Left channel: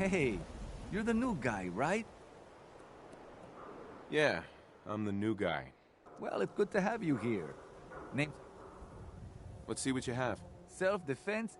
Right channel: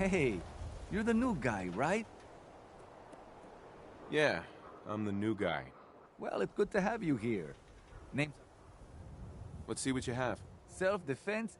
Hey, you're the new guy, right? Yeah, I'm the new guy. Well, it's good to have you here. Name's Let's see what you have. self-defense.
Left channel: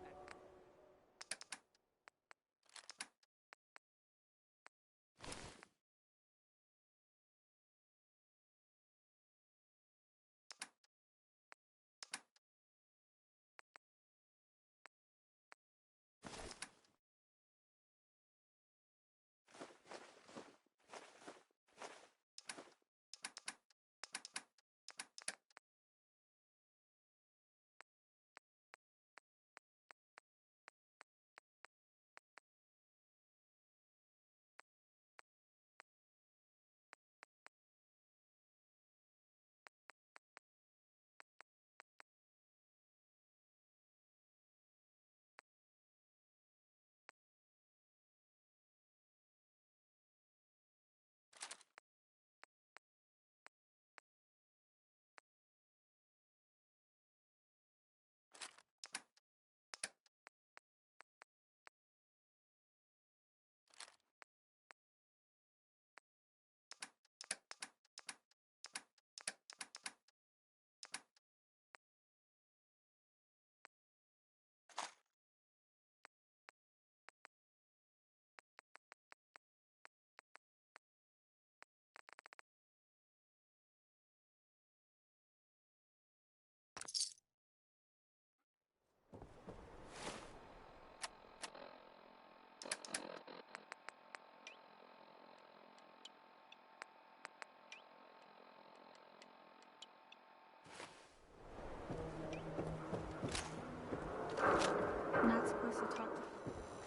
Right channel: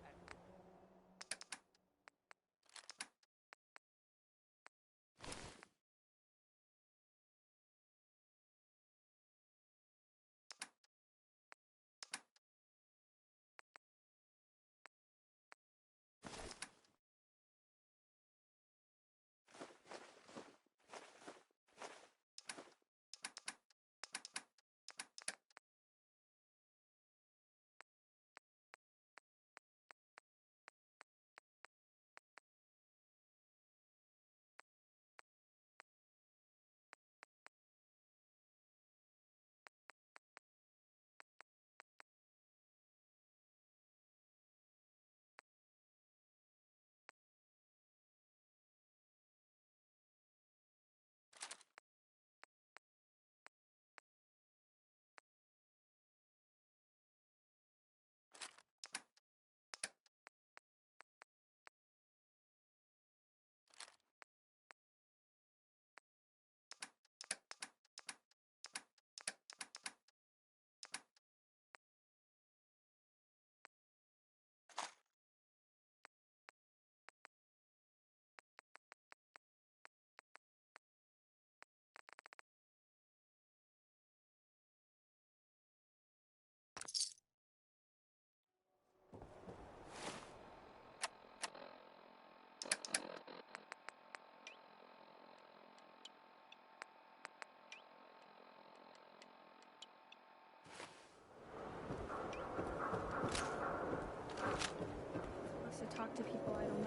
I'm not supposed to talk to people I don't know.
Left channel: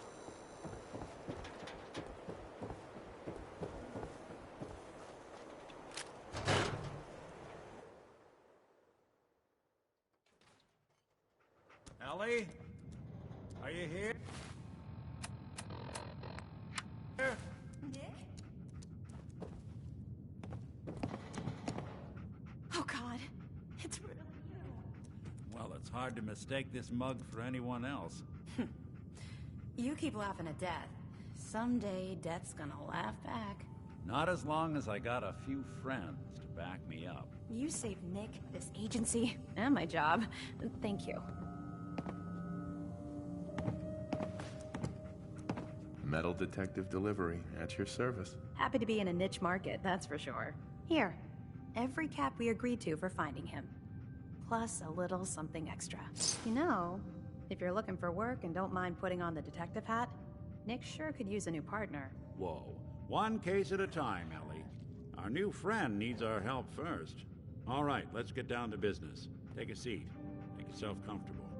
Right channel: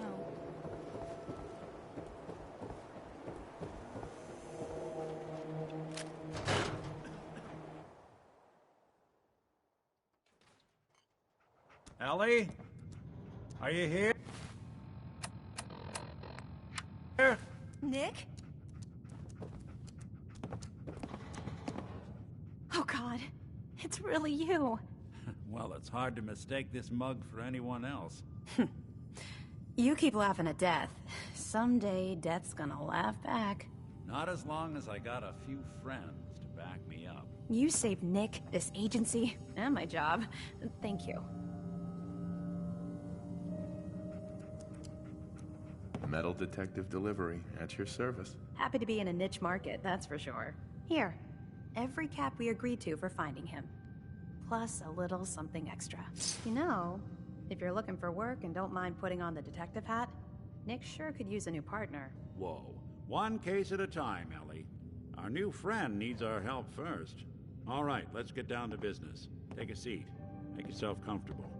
Ellie? Are you here? Nick? Oh God, it's really you. Well, it's hard to mistake this mug for anyone else. You keep laughing at death. Someday, death's gonna laugh back. Not as long as I got a few friends to back me up. You saved Nick, this agency, and my job. Thank you. Metal detective delivery at your service. Happy to be in a niche market, that's for sure. Here, every cap we agreed to for finding him. Plus a little something extra. You know, if you're looking for work and don't mind putting on the detective hat, Nick sure could use a new partner. Whoa. One case at a time, Ellie. Our new friend needs our help first. All right, let's get down to business. Take a seat. Make yourself comfortable.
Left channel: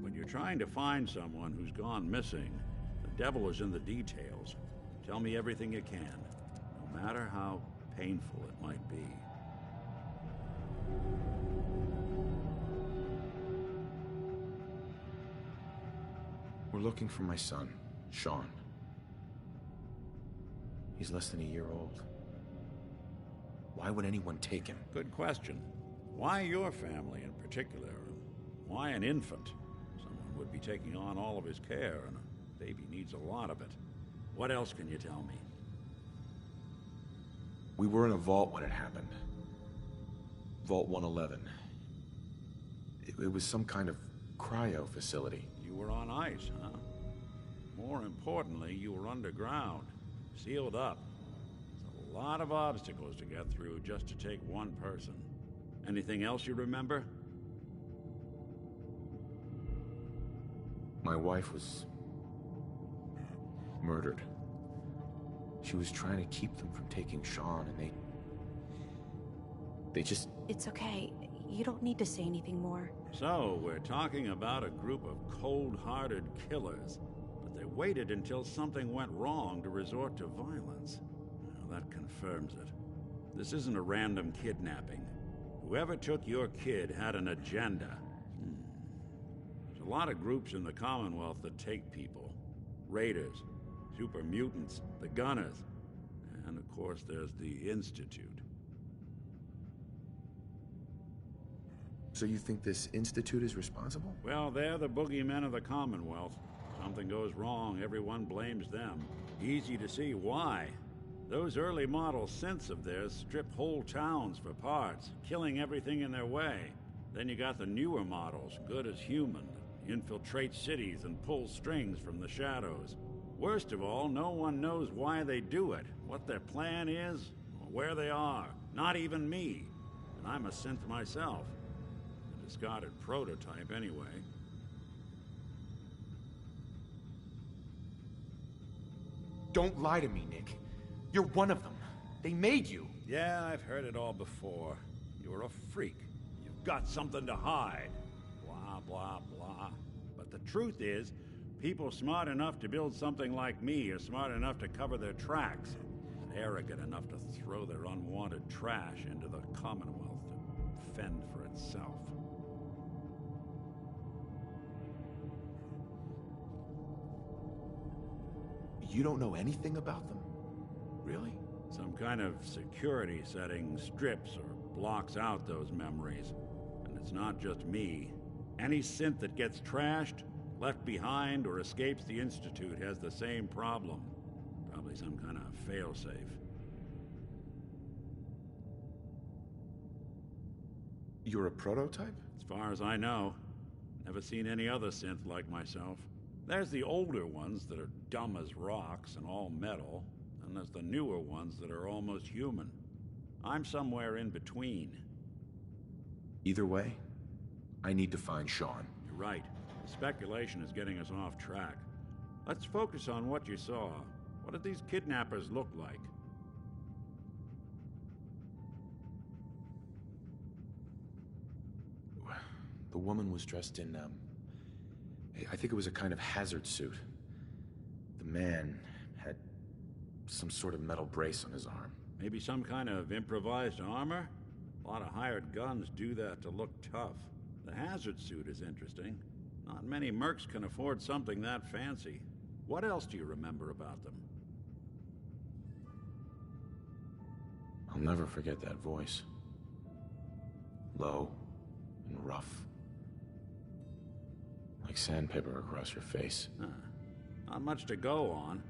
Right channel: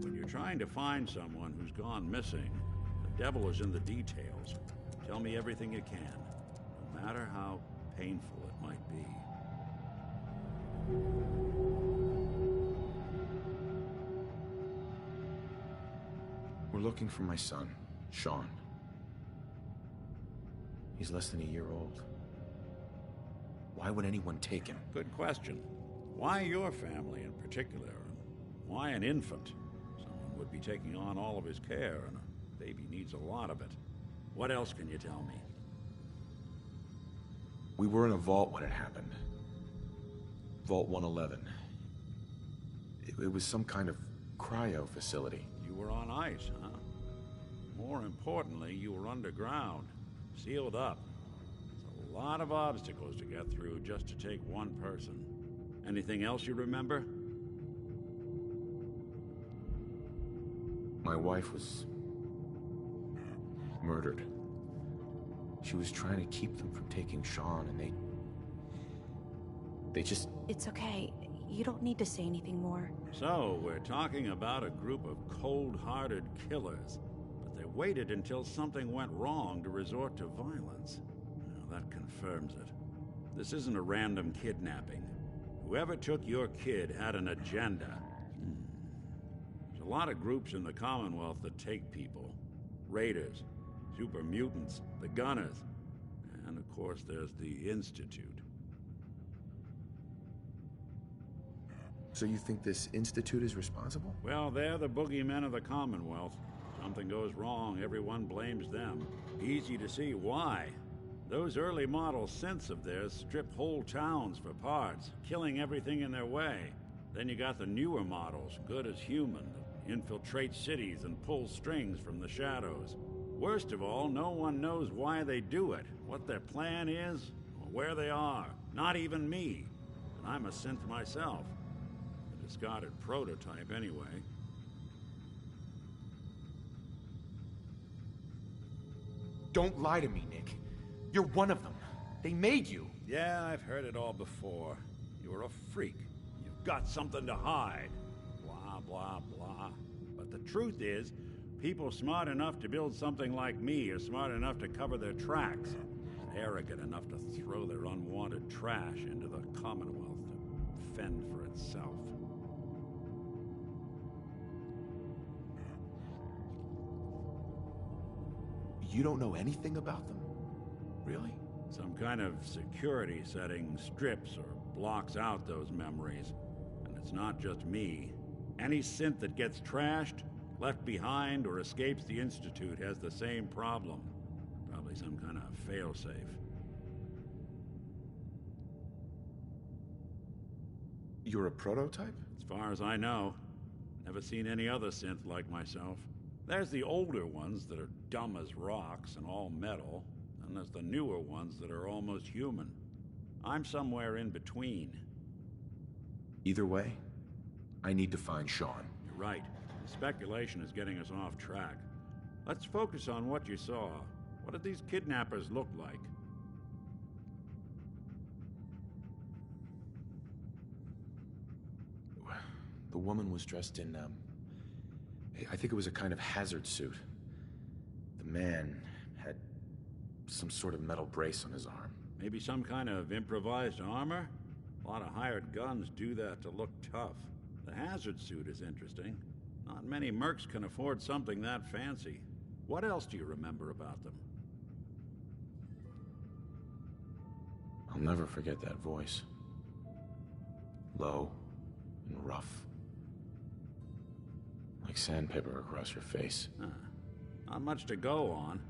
When you're trying to find someone who's gone missing, the devil is in the details. Tell me everything you can, no matter how painful it might be. We're looking for my son, Sean. He's less than a year old. Why would anyone take him? Good question. Why your family in particular? And why an infant? Someone would be taking on all of his care, and a baby needs a lot of it. What else can you tell me? We were in a vault when it happened. Vault 111. It was some kind of cryo facility. You were on ice, huh? More importantly, you were underground, sealed up. It's a lot of obstacles to get through just to take one person. Anything else you remember? My wife was murdered. She was trying to keep them from taking Sean, and they just... It's okay. You don't need to say anything more. So, we're talking about a group of cold-hearted killers, but they waited until something went wrong to resort to violence. Now, that confirms it. This isn't a random kidnapping. Whoever took your kid had an agenda. There's a lot of groups in the Commonwealth that take people. Raiders, super mutants, the Gunners, and of course there's the Institute. So you think this institute is responsible? Well, they're the boogeymen of the Commonwealth. Something goes wrong, everyone blames them. Easy to see why. Those early model synths of theirs strip whole towns for parts, killing everything in their way. Then you got the newer models, good as human, that infiltrate cities and pull strings from the shadows. Worst of all, no one knows why they do it, what their plan is, or where they are. Not even me. And I'm a synth myself. A discarded prototype, anyway. Don't lie to me, Nick. You're one of them. They made you. Yeah, I've heard it all before. You're a freak. You've got something to hide. Blah, blah, blah. But the truth is, people smart enough to build something like me are smart enough to cover their tracks, and arrogant enough to throw their unwanted trash into the Commonwealth to fend for itself. You don't know anything about them? Really? Some kind of security setting strips or blocks out those memories. And it's not just me. Any synth that gets trashed, left behind, or escapes the Institute has the same problem. Probably some kind of failsafe. You're a prototype? As far as I know. Never seen any other synth like myself. There's the older ones that are dumb as rocks and all metal, and there's the newer ones that are almost human. I'm somewhere in between. Either way, I need to find Sean. You're right. The speculation is getting us off track. Let's focus on what you saw. What did these kidnappers look like? The woman was dressed in, I think it was a kind of hazard suit. The man had some sort of metal brace on his arm. Maybe some kind of improvised armor? A lot of hired guns do that to look tough. The hazard suit is interesting. Not many mercs can afford something that fancy. What else do you remember about them? I'll never forget that voice. Low and rough. Like sandpaper across your face. Not much to go on,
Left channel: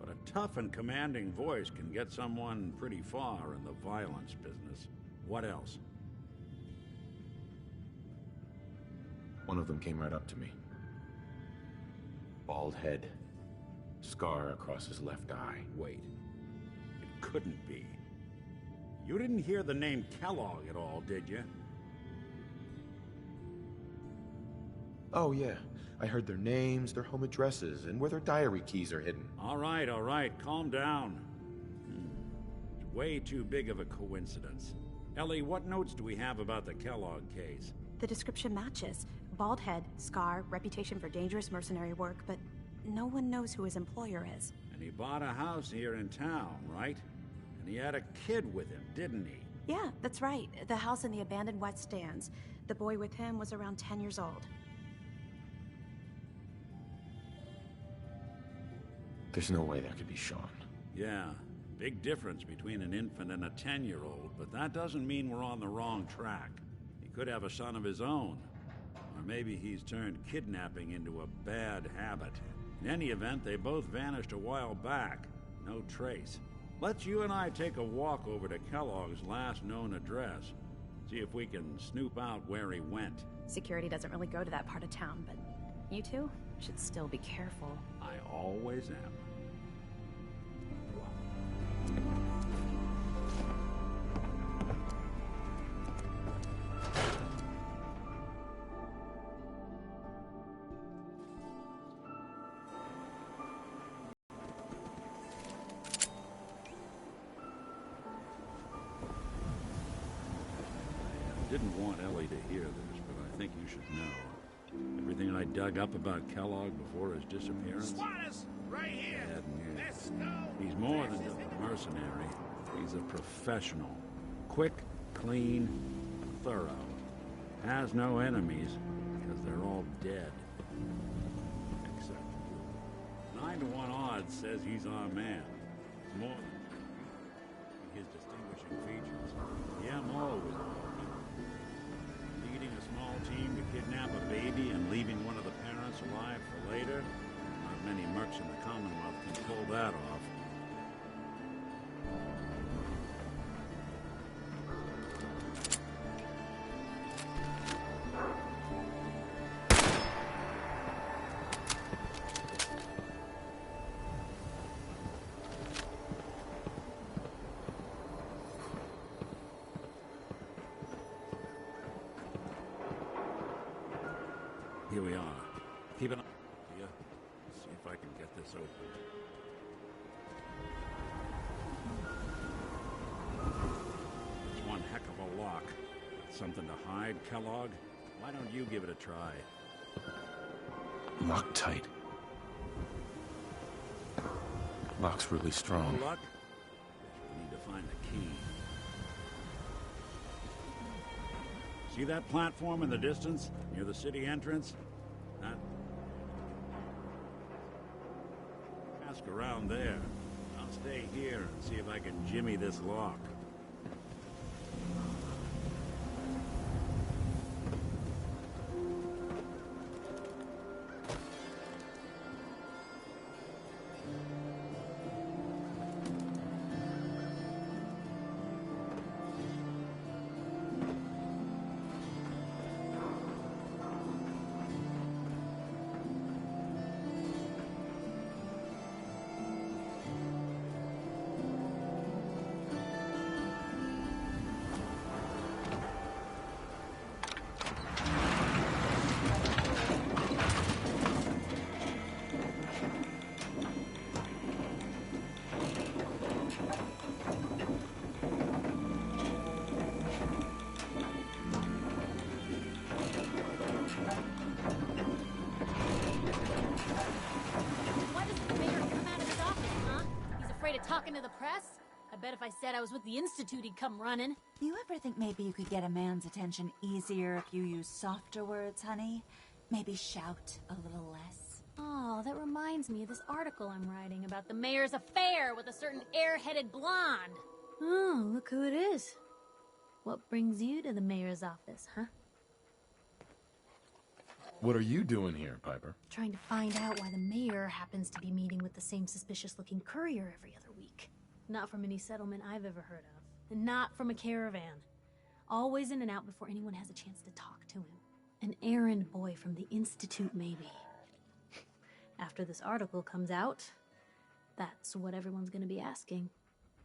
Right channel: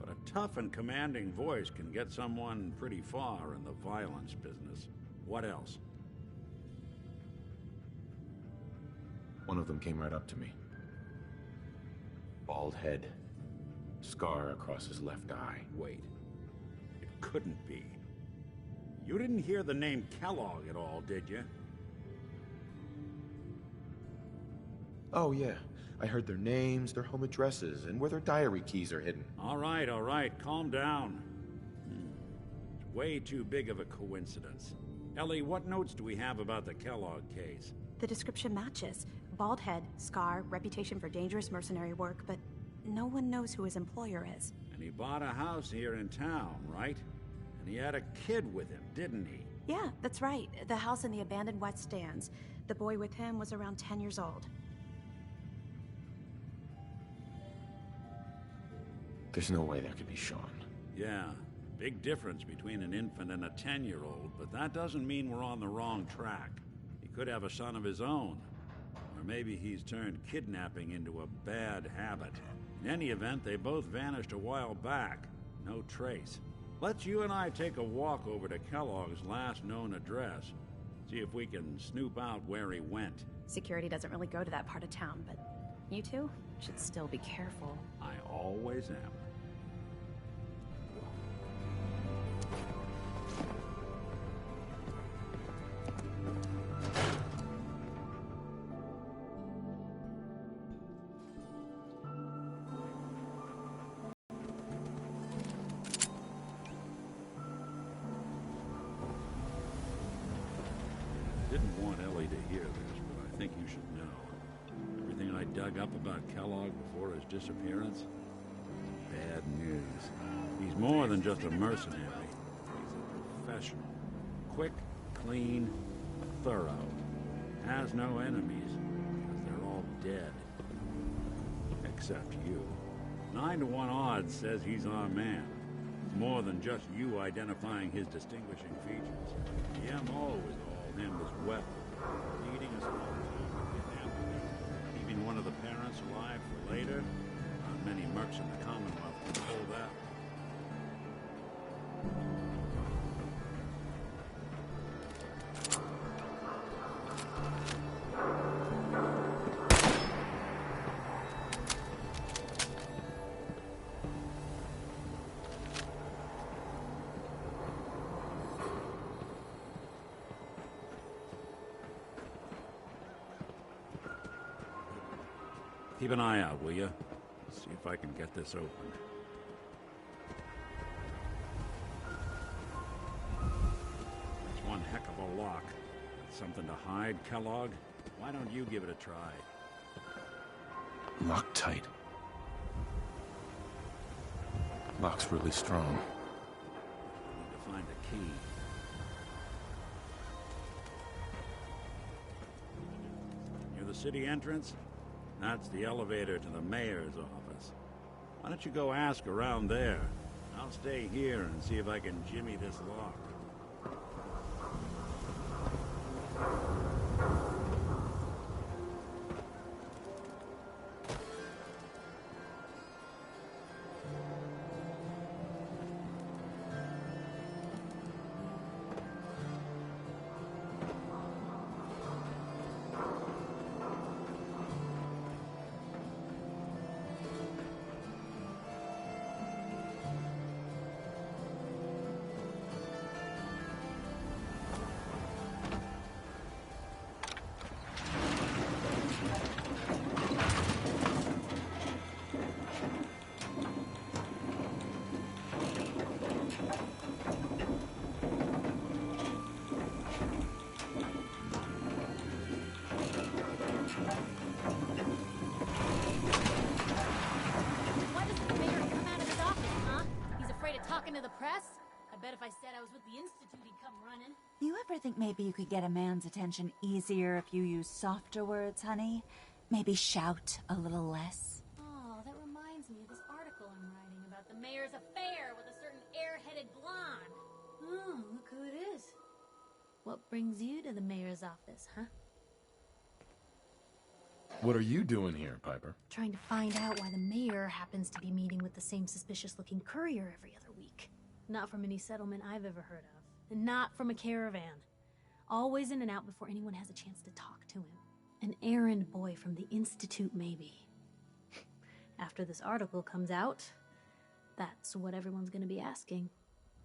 but a tough and commanding voice can get someone pretty far in the violence business. What else? One of them came right up to me. Bald head. Scar across his left eye. Wait. It couldn't be. You didn't hear the name Kellogg at all, did you? Oh, yeah. I heard their names, their home addresses, and where their diary keys are hidden. All right, calm down. It's way too big of a coincidence. Ellie, what notes do we have about the Kellogg case? The description matches. Bald head, scar, reputation for dangerous mercenary work, but no one knows who his employer is. And he bought a house here in town, right? And he had a kid with him, didn't he? Yeah, that's right. The house in the abandoned West Stands. The boy with him was around 10 years old. There's no way that could be Sean. Yeah, big difference between an infant and a 10-year-old, but that doesn't mean we're on the wrong track. He could have a son of his own. Or maybe he's turned kidnapping into a bad habit. In any event, they both vanished a while back. No trace. Let's you and I take a walk over to Kellogg's last known address. See if we can snoop out where he went. Security doesn't really go to that part of town, but you two should still be careful. I always am. I didn't want Ellie to hear this, but I think you should know. Everything I dug up about Kellogg before his disappearance? Bad news. He's more than just a mercenary. He's a professional. Quick, clean, thorough. Has no enemies, because they're all dead. Except you. 9 to 1 odds says he's our man. It's more than just you identifying his distinguishing features. The MO was all him as well. Leading a small alive for later? Not many mercs in the Commonwealth can pull that off. Here we are. Keep an eye out, will you? See if I can get this open. That's one heck of a lock. Got something to hide, Kellogg? Why don't you give it a try? Locked tight. Lock's really strong. Luck? We need to find the key. See that platform in the distance, near the city entrance? That's the elevator to the mayor's office. Why don't you go ask around there? I'll stay here and see if I can jimmy this lock. Why doesn't the mayor come out of his office, huh? He's afraid of talking to the press? I bet if I said I was with the Institute, he'd come running. You ever think maybe you could get a man's attention easier if you use softer words, honey? Maybe shout a little less? Oh, that reminds me of this article I'm writing about the mayor's affair with a certain airheaded blonde. Oh, look who it is. What brings you to the mayor's office, huh? What are you doing here, Piper? Trying to find out why the mayor happens to be meeting with the same suspicious-looking courier every other week. Not from any settlement I've ever heard of. And not from a caravan. Always in and out before anyone has a chance to talk to him. An errand boy from the Institute, maybe. After this article comes out, that's what everyone's gonna be asking.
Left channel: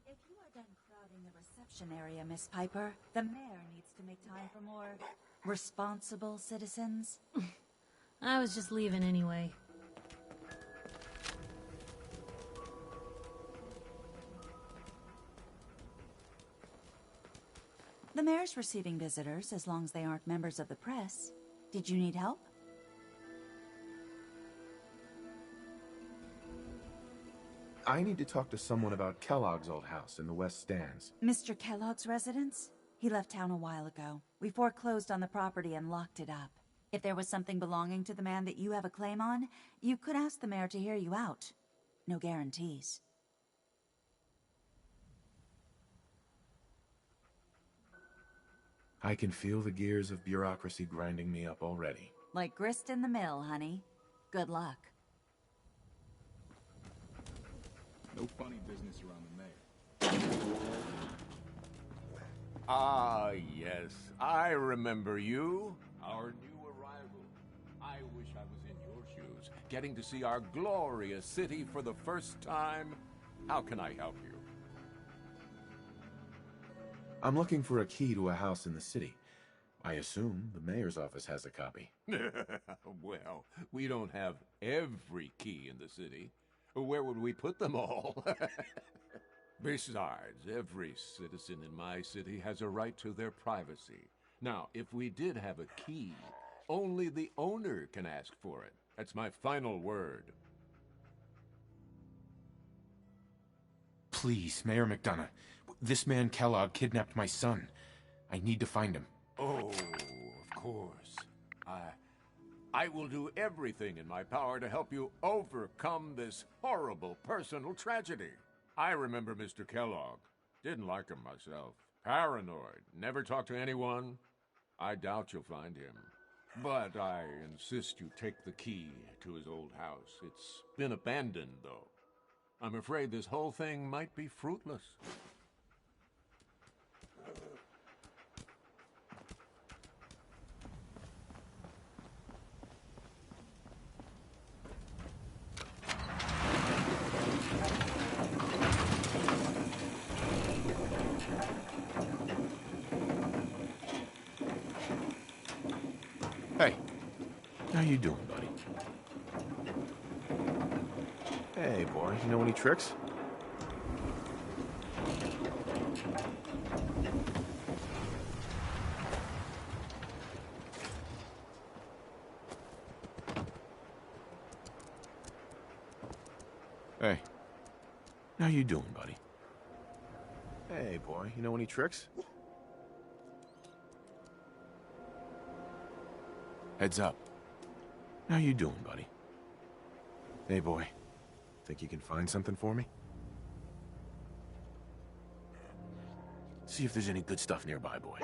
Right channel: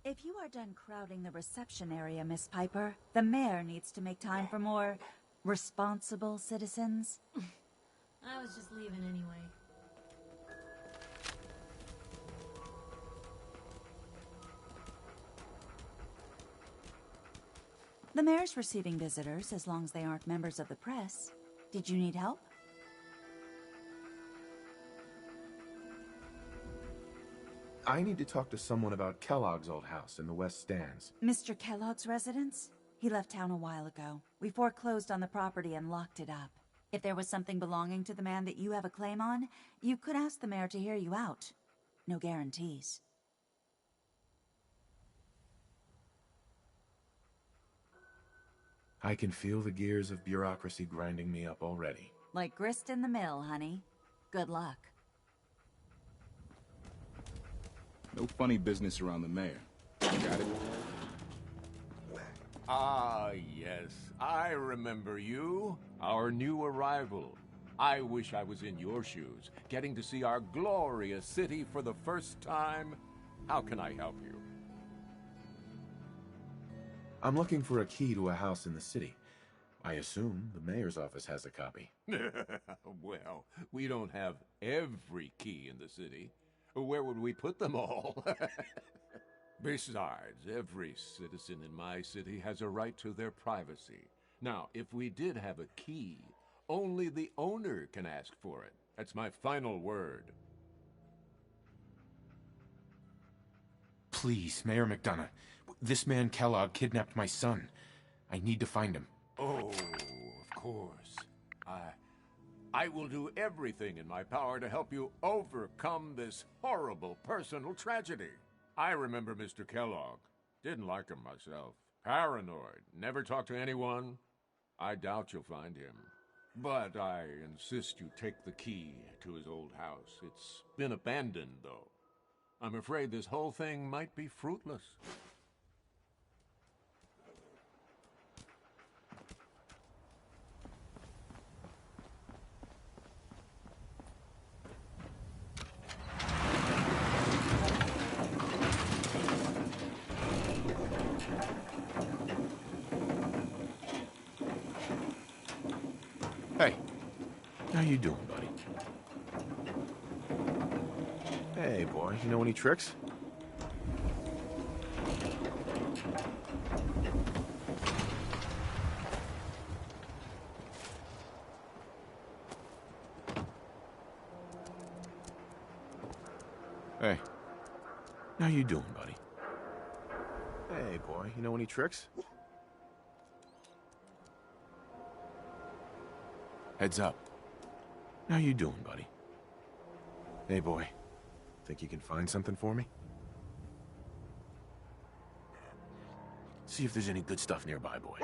If you are done crowding the reception area, Miss Piper, the mayor needs to make time for more responsible citizens. I was just leaving anyway. The mayor's receiving visitors as long as they aren't members of the press. Did you need help? I need to talk to someone about Kellogg's old house in the West Stands. Mr. Kellogg's residence? He left town a while ago. We foreclosed on the property and locked it up. If there was something belonging to the man that you have a claim on, you could ask the mayor to hear you out. No guarantees. I can feel the gears of bureaucracy grinding me up already. Like grist in the mill, honey. Good luck. No funny business around the mayor. Ah, yes. I remember you. Our new arrival. I wish I was in your shoes, getting to see our glorious city for the first time. How can I help you? I'm looking for a key to a house in the city. I assume the mayor's office has a copy. Well, we don't have every key in the city. Where would we put them all? Besides, every citizen in my city has a right to their privacy. Now, if we did have a key, only the owner can ask for it. That's my final word. Please, Mayor McDonough. This man Kellogg kidnapped my son. I need to find him. Oh, of course. I will do everything in my power to help you overcome this horrible personal tragedy. I remember Mr. Kellogg. Didn't like him myself. Paranoid. Never talked to anyone. I doubt you'll find him. But I insist you take the key to his old house. It's been abandoned, though. I'm afraid this whole thing might be fruitless. Hey, how you doing, buddy? Hey, boy, you know any tricks? Hey, how you doing, buddy? Hey, boy, you know any tricks? Heads up. How you doing, buddy? Hey, boy. Think you can find something for me? See if there's any good stuff nearby, boy.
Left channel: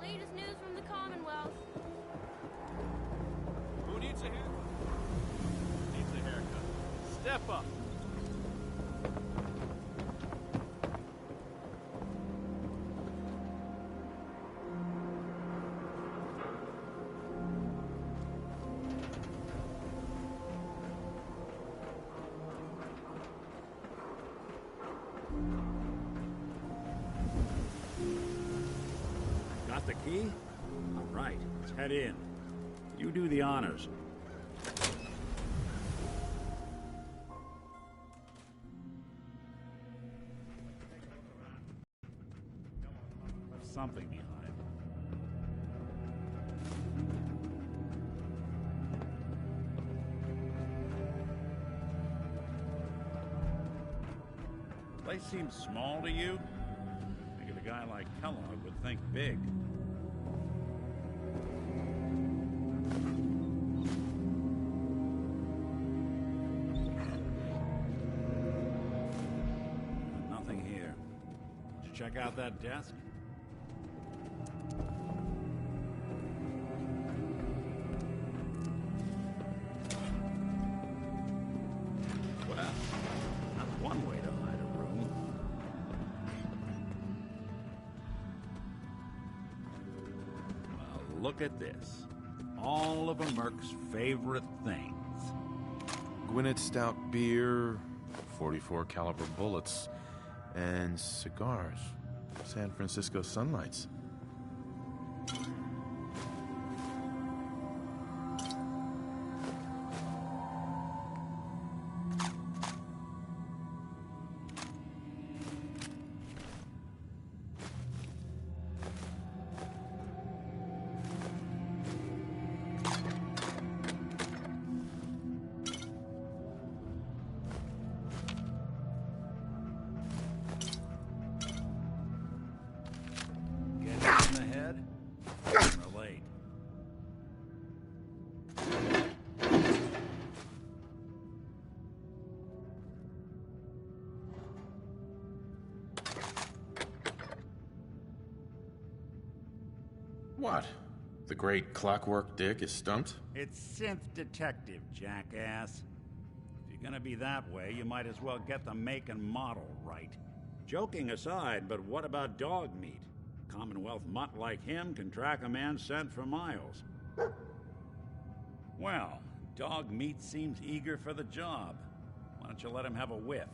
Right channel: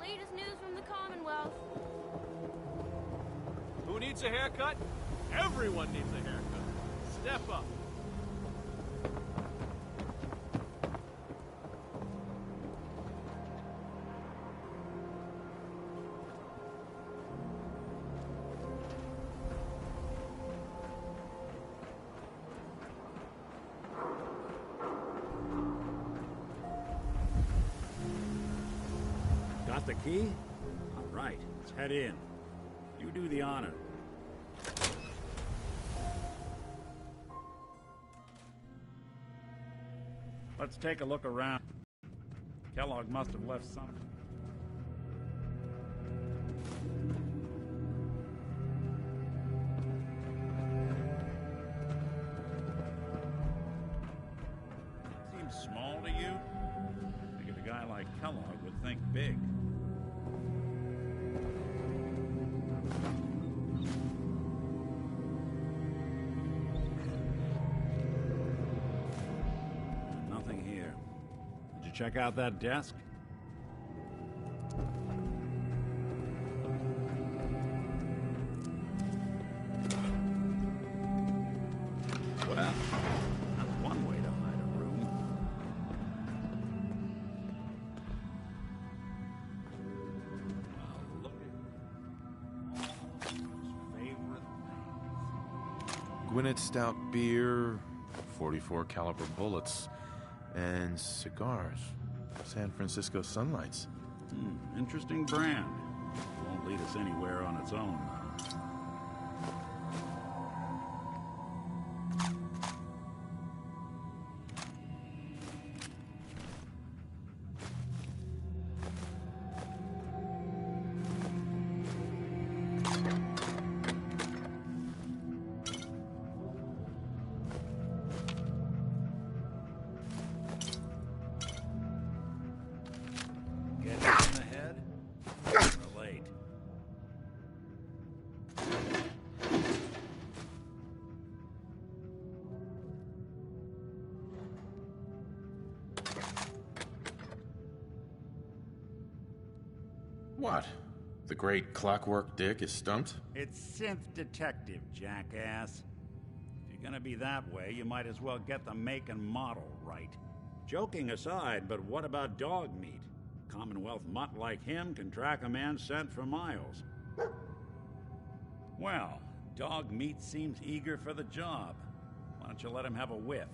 Latest news from the Commonwealth. Who needs a haircut? Everyone needs a haircut. Step up. Got the key? All right, let's head in. You do the honors. Let's take a look around. Kellogg must have left something behind. Place seems small to you? Figured a guy like Kellogg would think big. Nothing here. Did you check out that desk? Well, that's one way to hide a room. Well, look at this. All of a Merc's favorite things. Gwinnett Stout beer, 44 caliber bullets, and cigars. San Francisco Sunlights. Interesting brand. Won't lead us anywhere on its own. What? The great Clockwork Dick is stumped? It's synth detective, jackass. If you're gonna be that way, you might as well get the make and model right. Joking aside, but what about dog meat? Commonwealth mutt like him can track a man's scent for miles. Well, dog meat seems eager for the job. Why don't you let him have a whiff?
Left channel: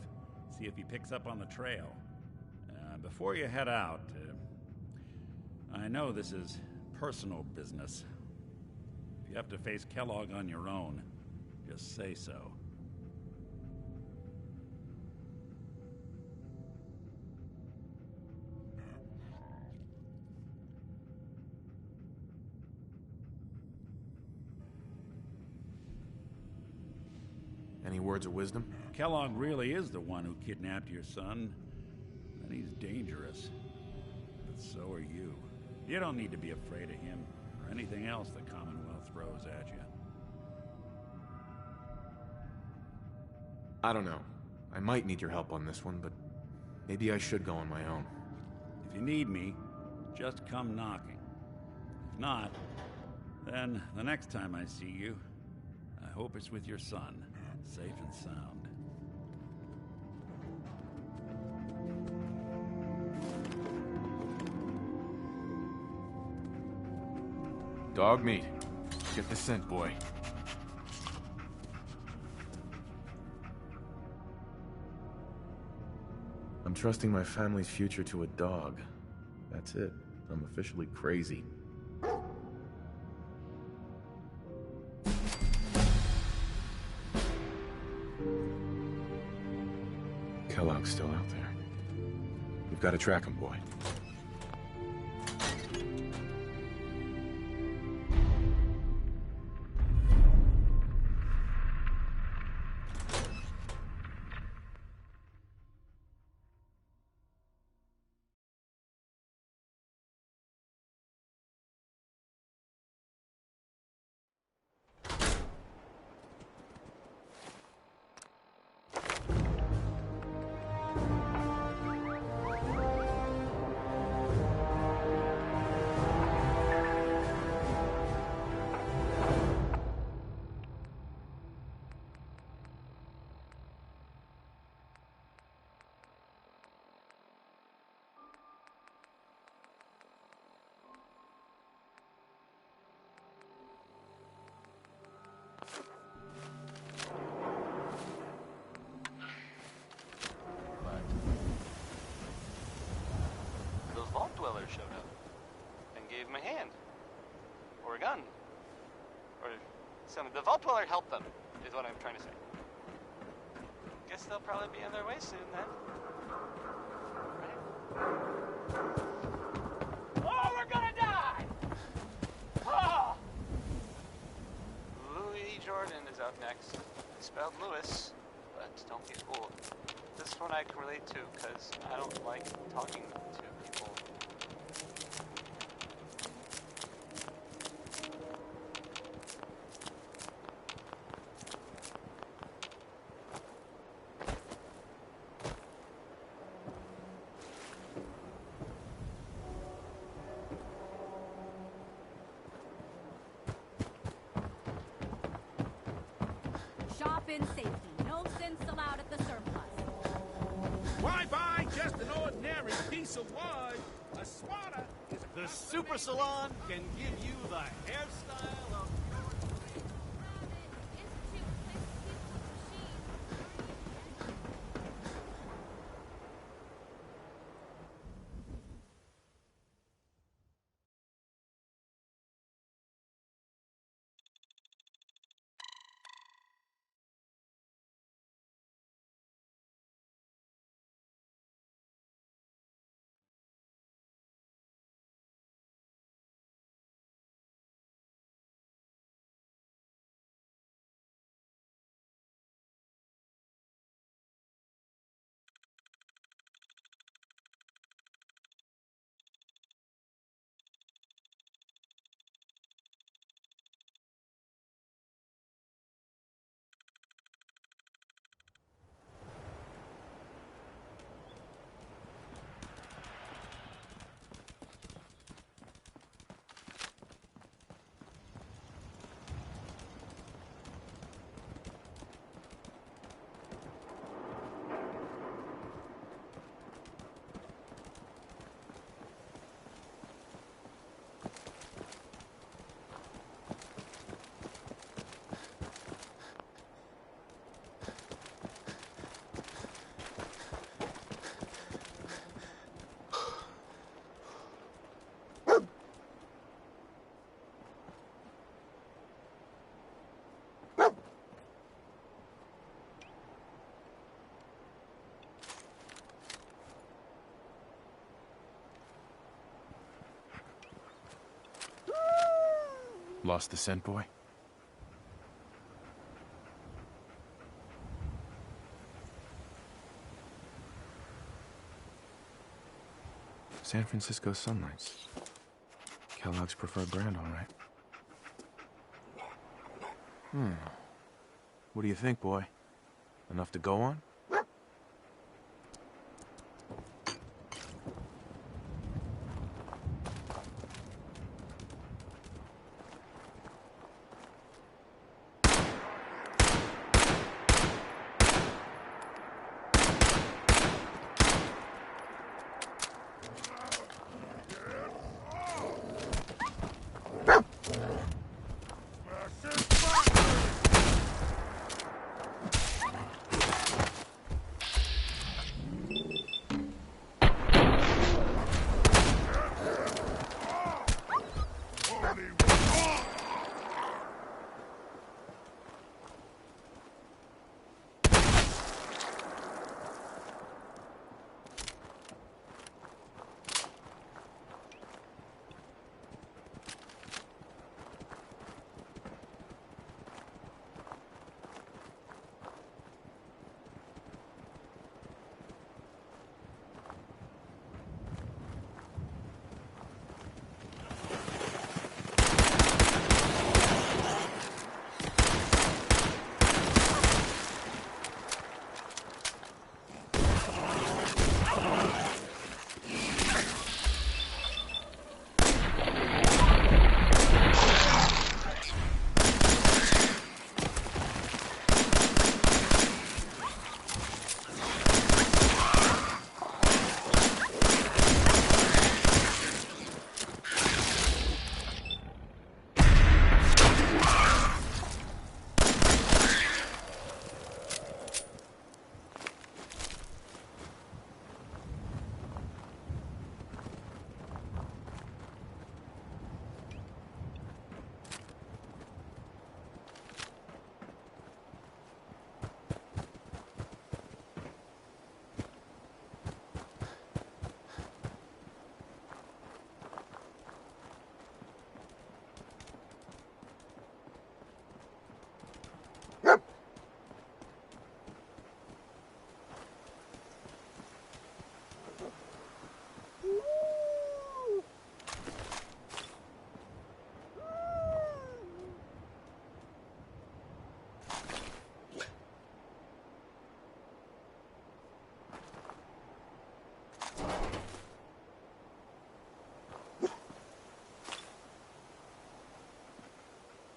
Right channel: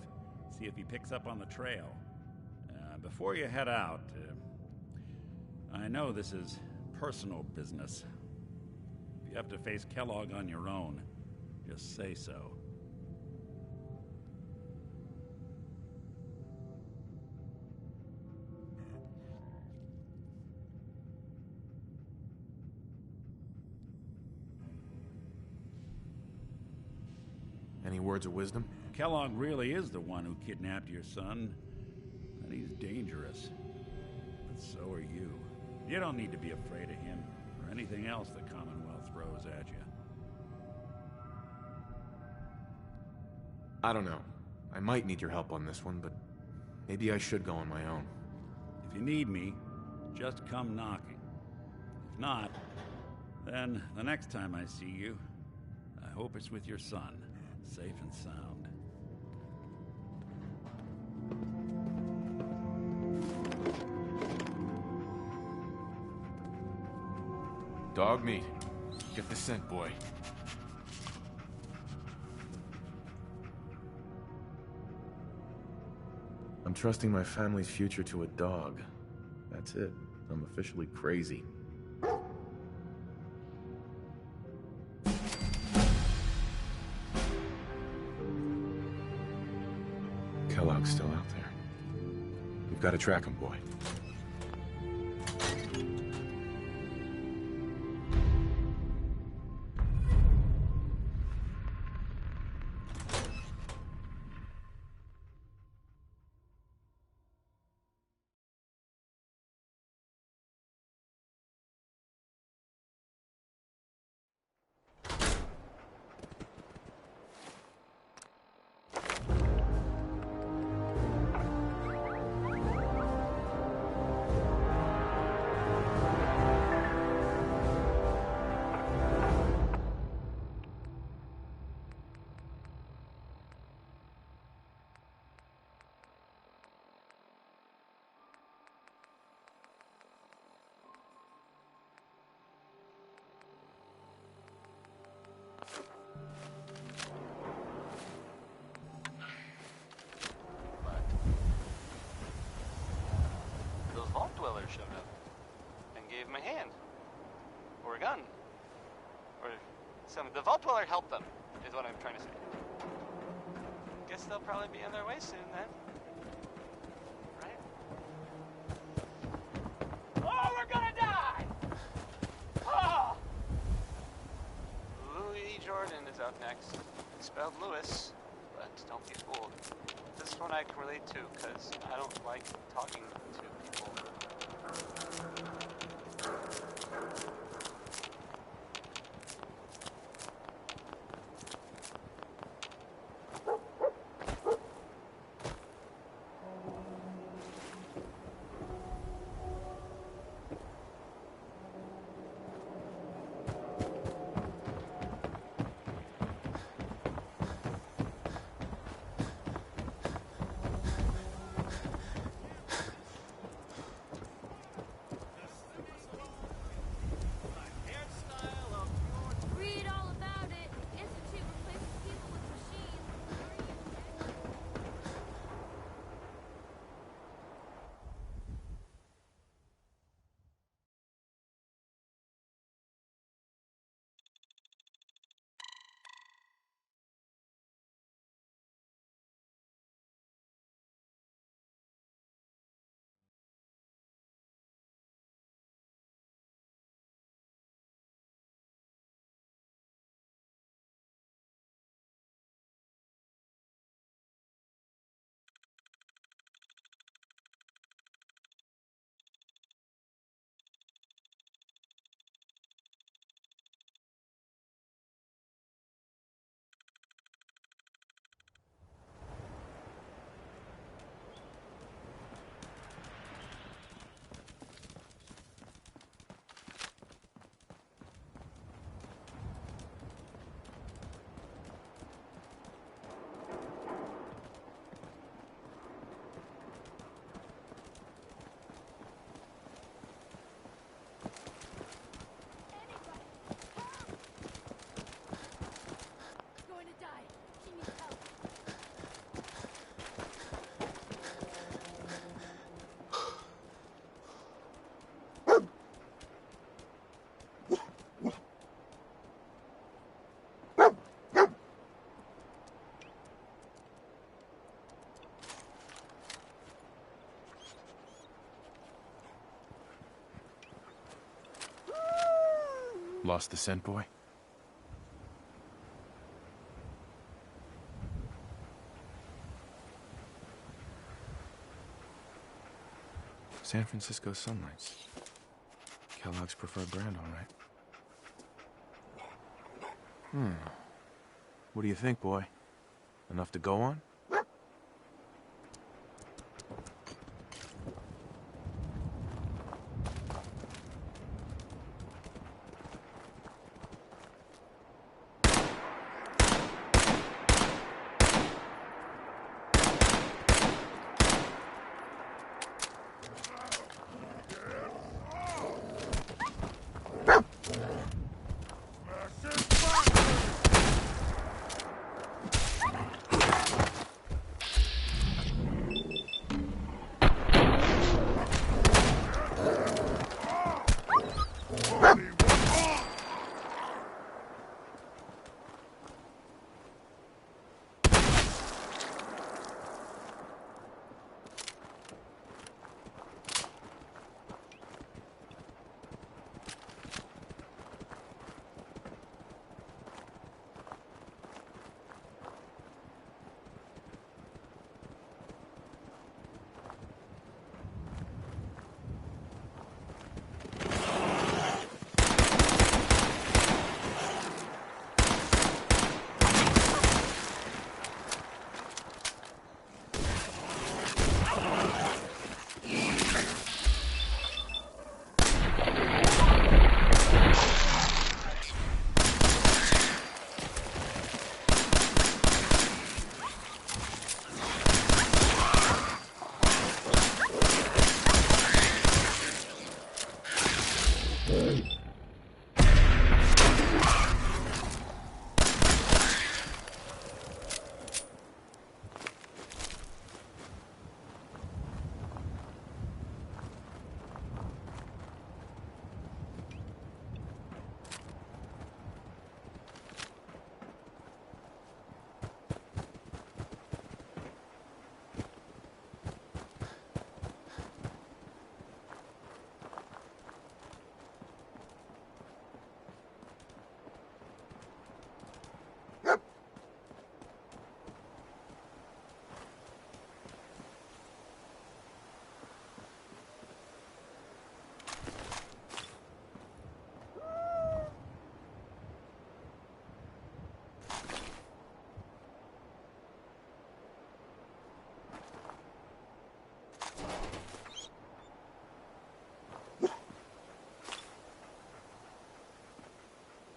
See if he picks up on the trail. Before you head out, I know this is personal business. If you have to face Kellogg on your own, just say so. Any words of wisdom? Kellogg really is the one who kidnapped your son, and he's dangerous. But so are you. You don't need to be afraid of him or anything else the Commonwealth throws at you. I don't know. I might need your help on this one, but maybe I should go on my own. If you need me, just come knocking. If not, then the next time I see you, I hope it's with your son, safe and sound. Dog meat. Get the scent, boy. I'm trusting my family's future to a dog. That's it. I'm officially crazy. Kellogg's still out there. We've got to track him, boy. Those vault dwellers showed up and gave him a hand. Or a gun. Or something. The vault dweller helped them, is what I'm trying to say. Guess they'll probably be on their way soon then. Right? Oh, we're gonna die! Oh! Louis Jordan is up next. It's spelled Lewis, but don't be fooled. This one I can relate to, because I don't like talking to people. Shop in safety. No sense allowed at the surplus. Why buy just an ordinary piece of wood? A swatter. The Super Salon can give you the hairstyle of your... Read all about it. Institute replaces people with machines. Lost the scent, boy? San Francisco Sunlights. Kellogg's preferred brand, all right. What do you think, boy? Enough to go on?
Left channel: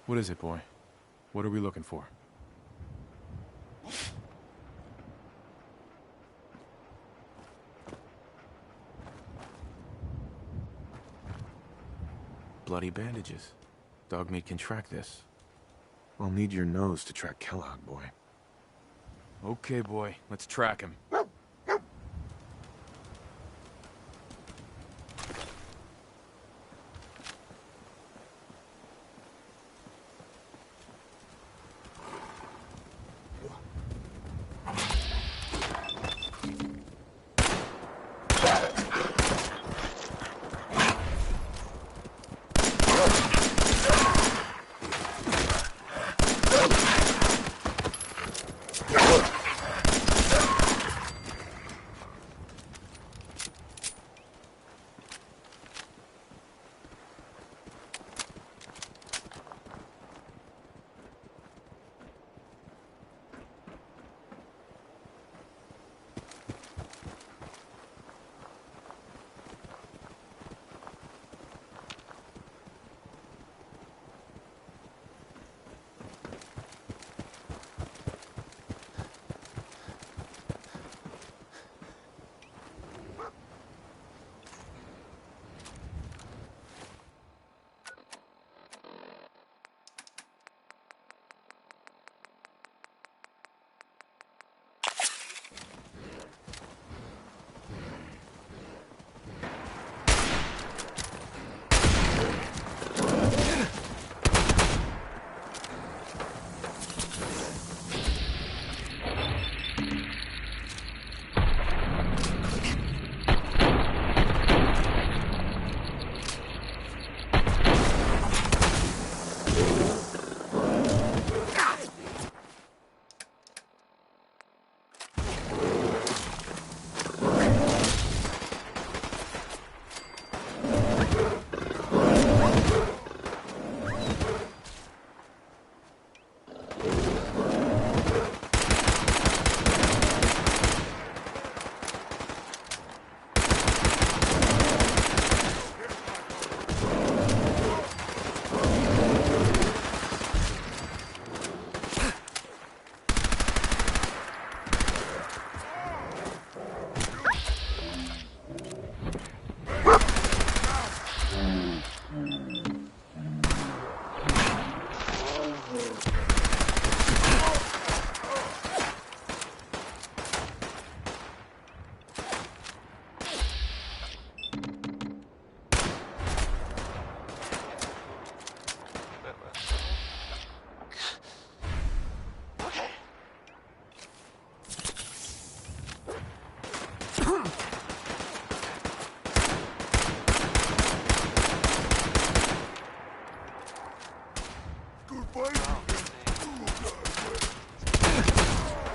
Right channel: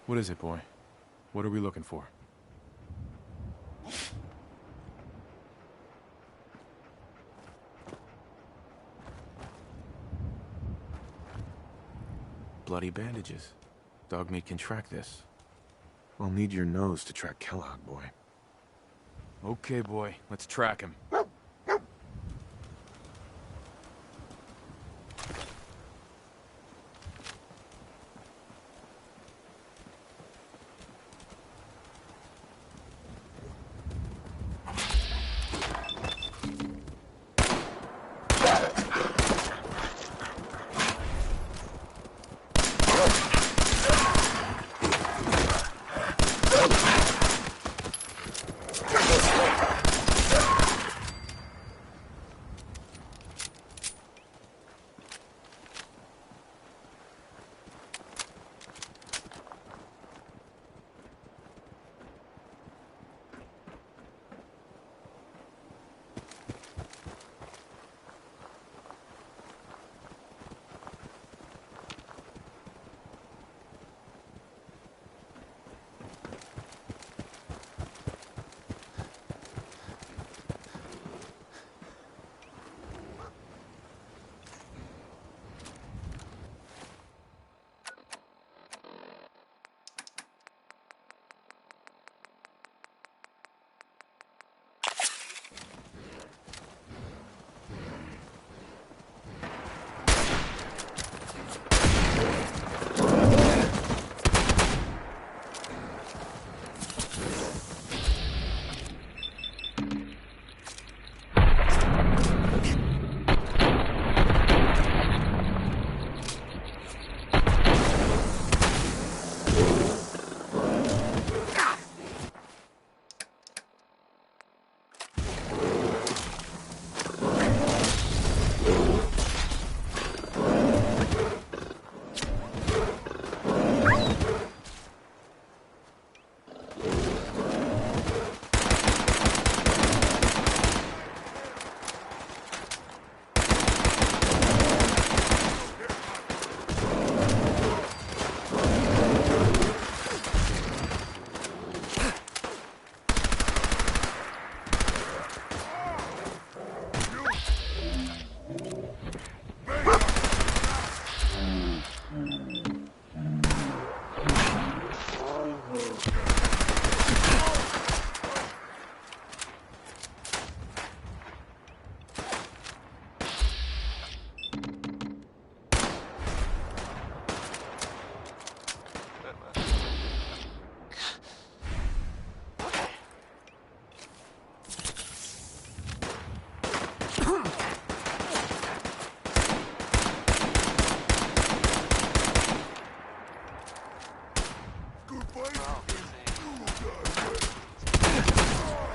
What is it, boy? What are we looking for? Bloody bandages. Dog meat can track this. We'll need your nose to track Kellogg, boy. Okay, boy. Let's track him.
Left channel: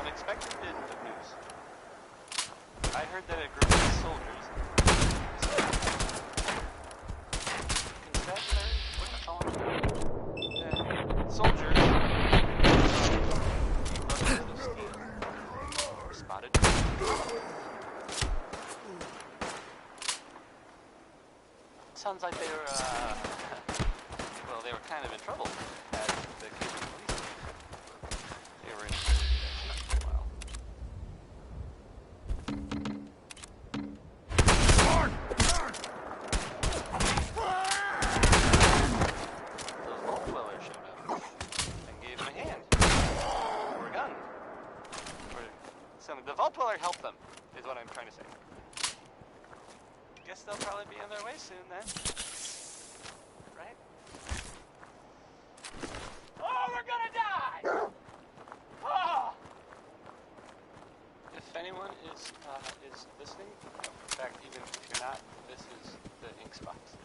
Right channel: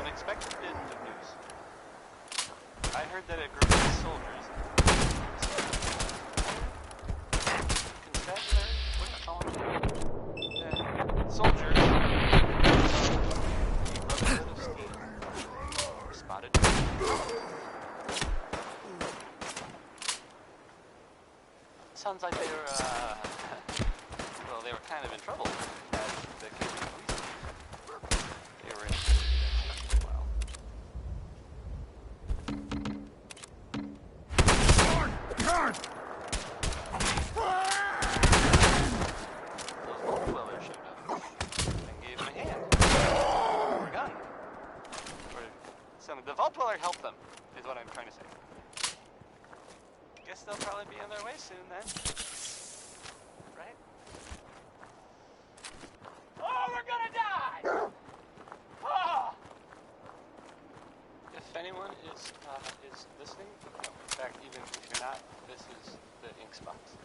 Unexpected bit of news. I heard that a group of soldiers... Constabulary? What do you call them? Soldiers... brotherhood of steel. Spotted. Sounds like they were, well, they were kind of in trouble at the Cajun police. They were in for a while. Those vault dwellers showed up and gave him a hand. Or a gun. Or something. The vault dweller helped them, is what I'm trying to say. Guess they'll probably be on their way soon then. Right? Oh, we're gonna die! Oh! If anyone is listening, no, in fact, even if you're not, this is the ink spots.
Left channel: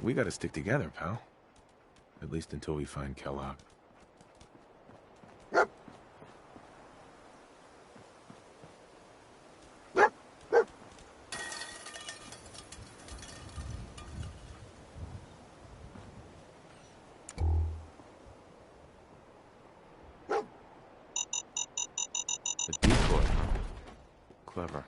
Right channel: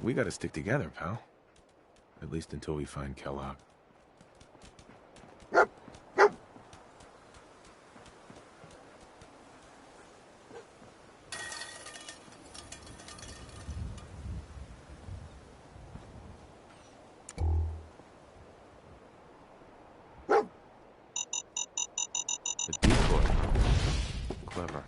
We gotta stick together, pal. At least until we find Kellogg. A decoy. Clever.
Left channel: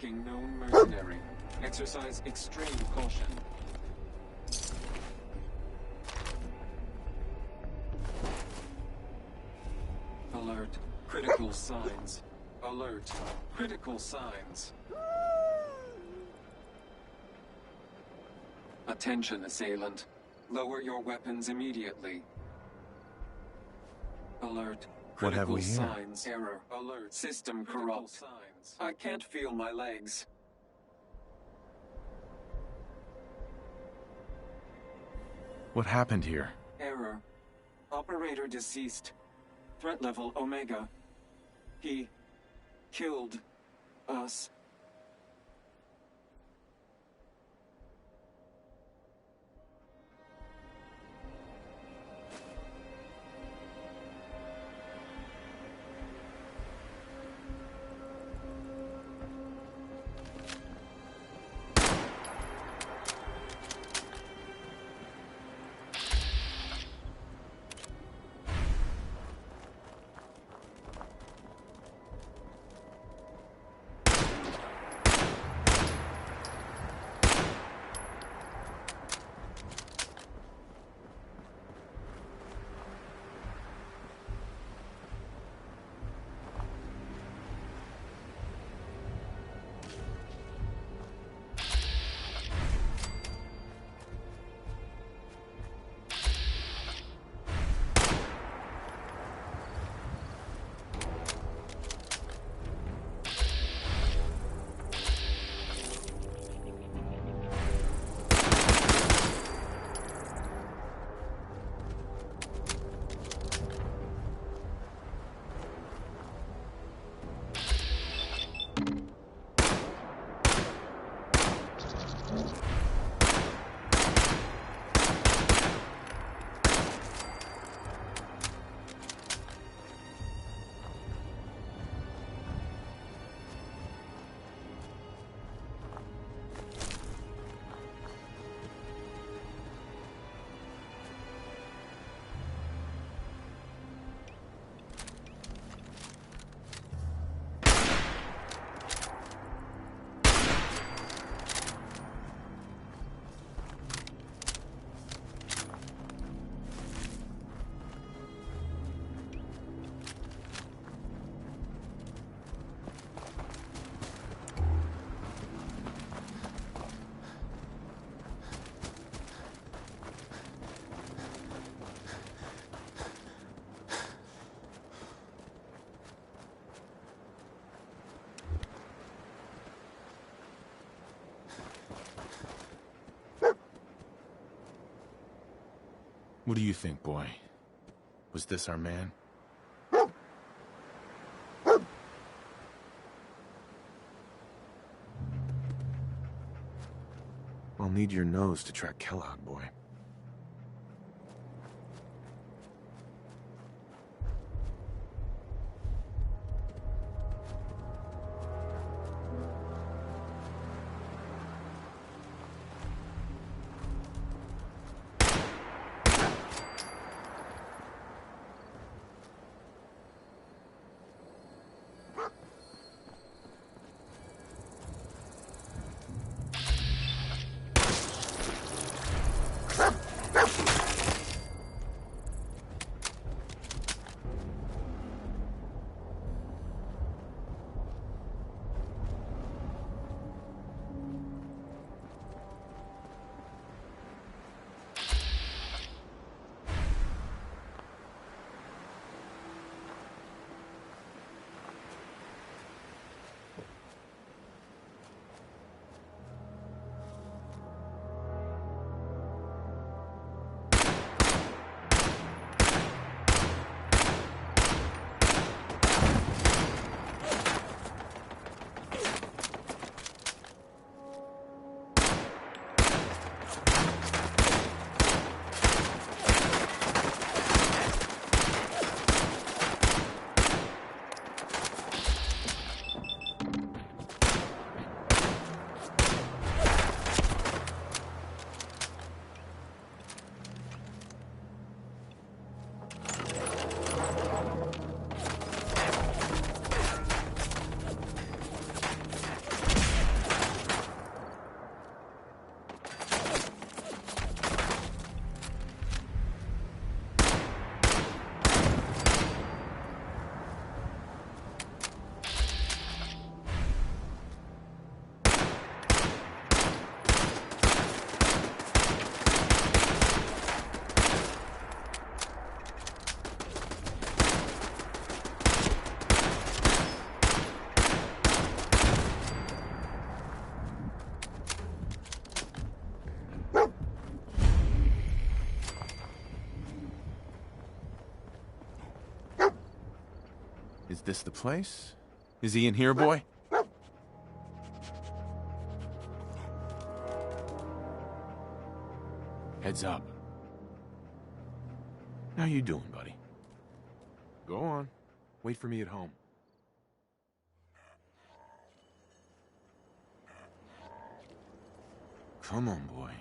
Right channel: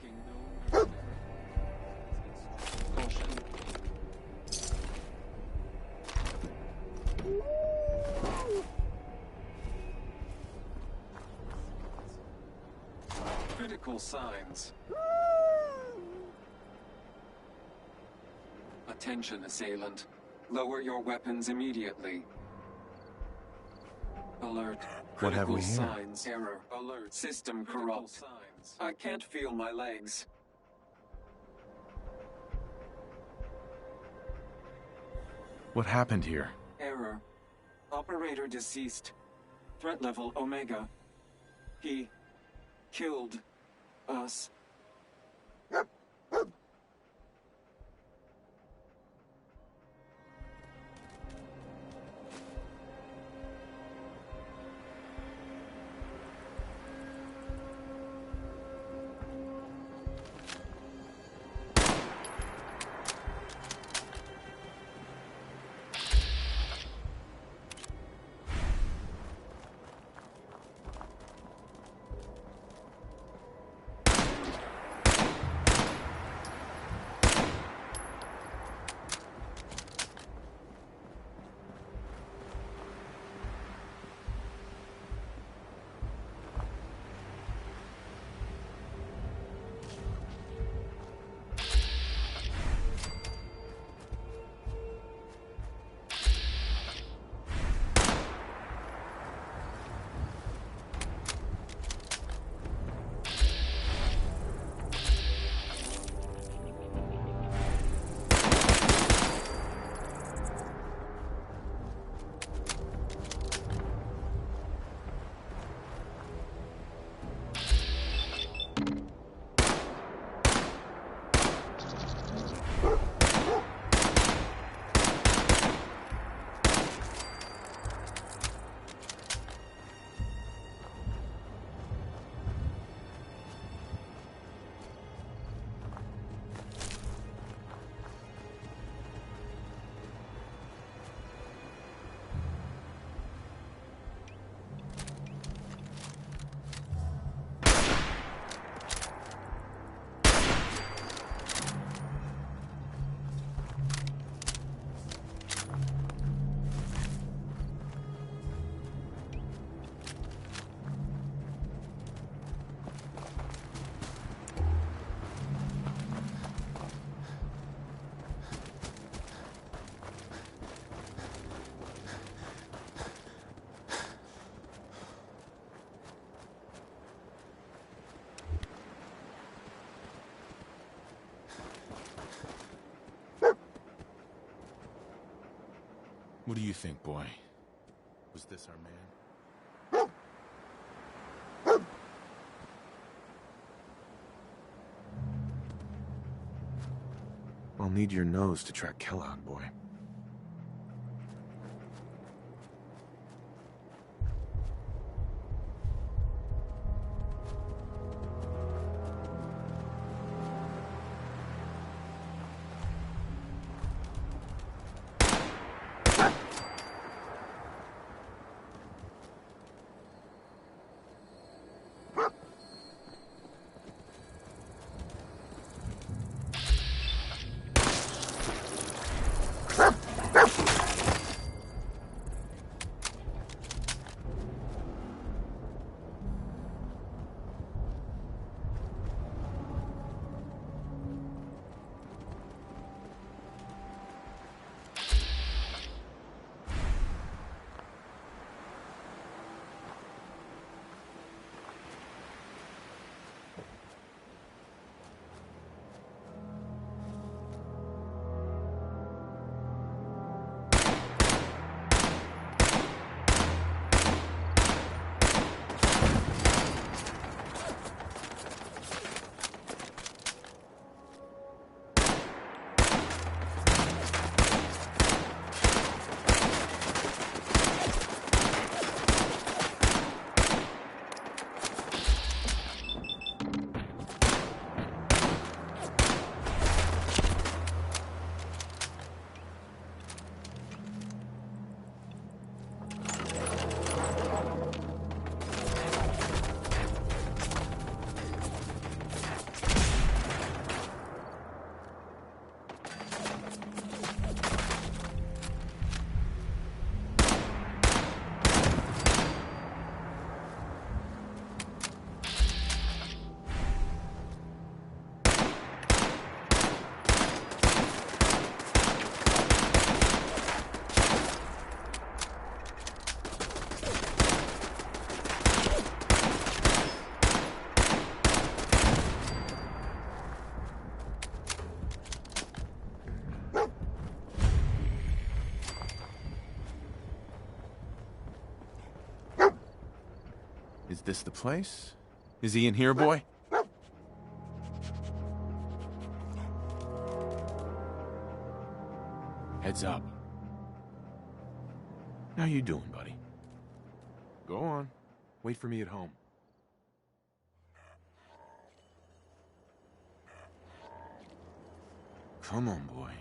Tracking known mercenary. Exercise extreme caution. Alert. Critical signs. Alert. Critical signs. Attention, assailant. Lower your weapons immediately. Alert. What have Critical we here? signs. Error. Alert. System corrupt. Signs. I can't feel my legs. What happened here? Error. Operator deceased. Threat level Omega. He killed us. What do you think, boy? Was this our man? I'll need your nose to track Kellogg, boy. Is this the place? Is he in here, boy? Heads up. How you doing, buddy? Go on. Wait for me at home. Come on, boy.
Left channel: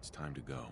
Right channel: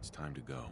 It's time to go.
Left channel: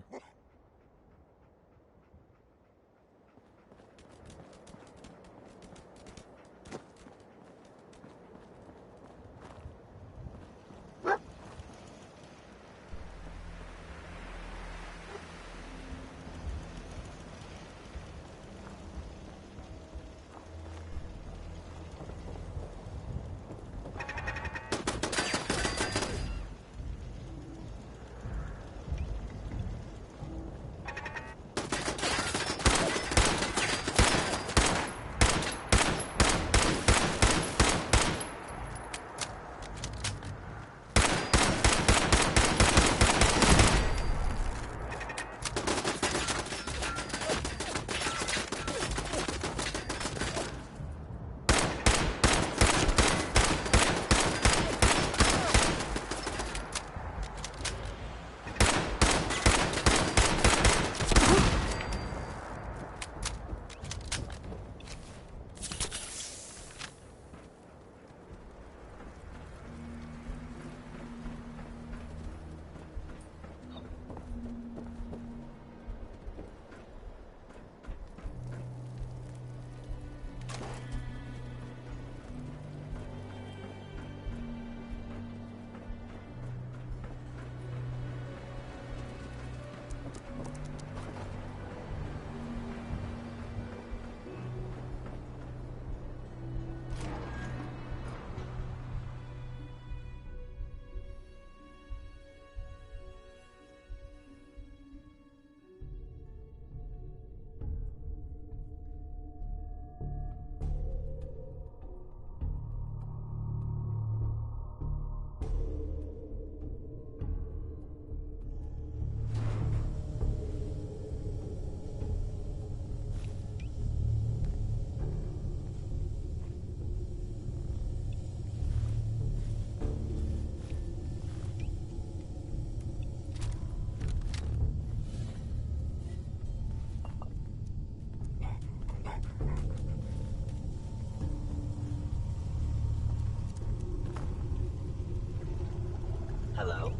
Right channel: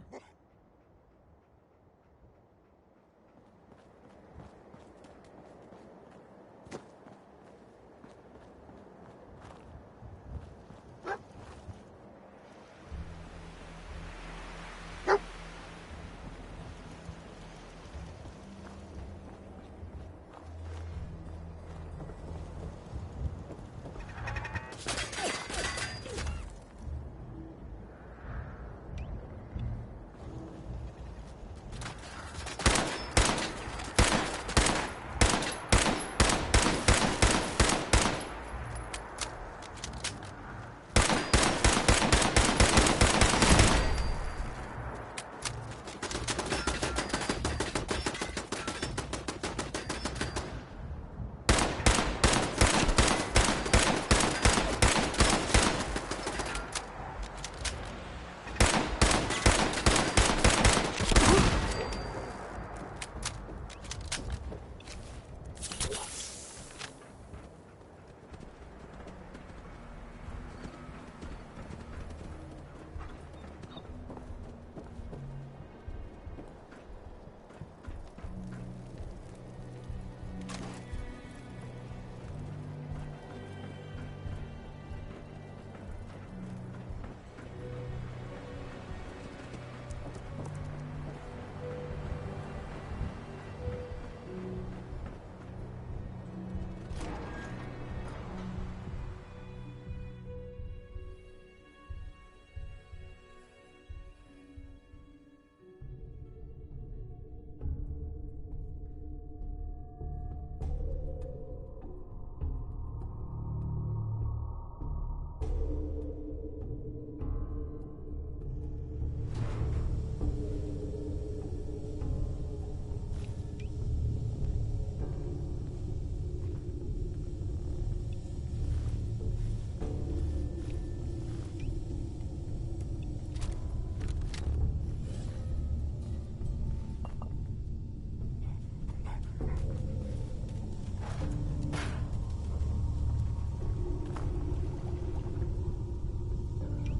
Hello?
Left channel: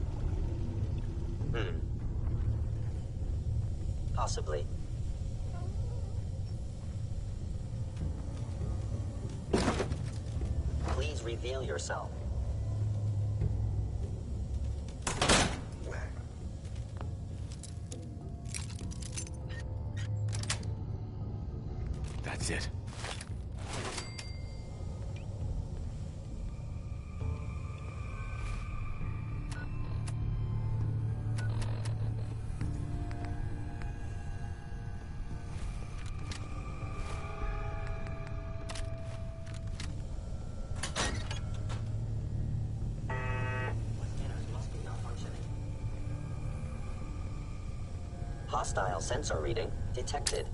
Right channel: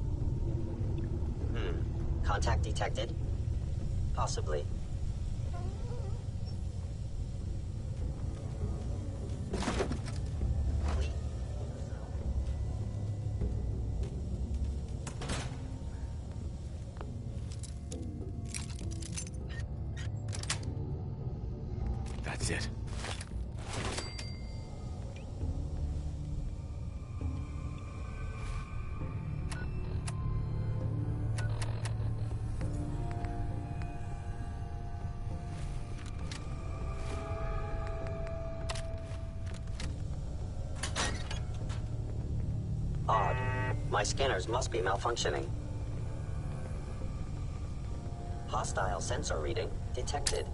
Contact detected? Possibly. Please reveal yourself. That's it. Odd. My scanners must be malfunctioning. Hostile sensor reading detected.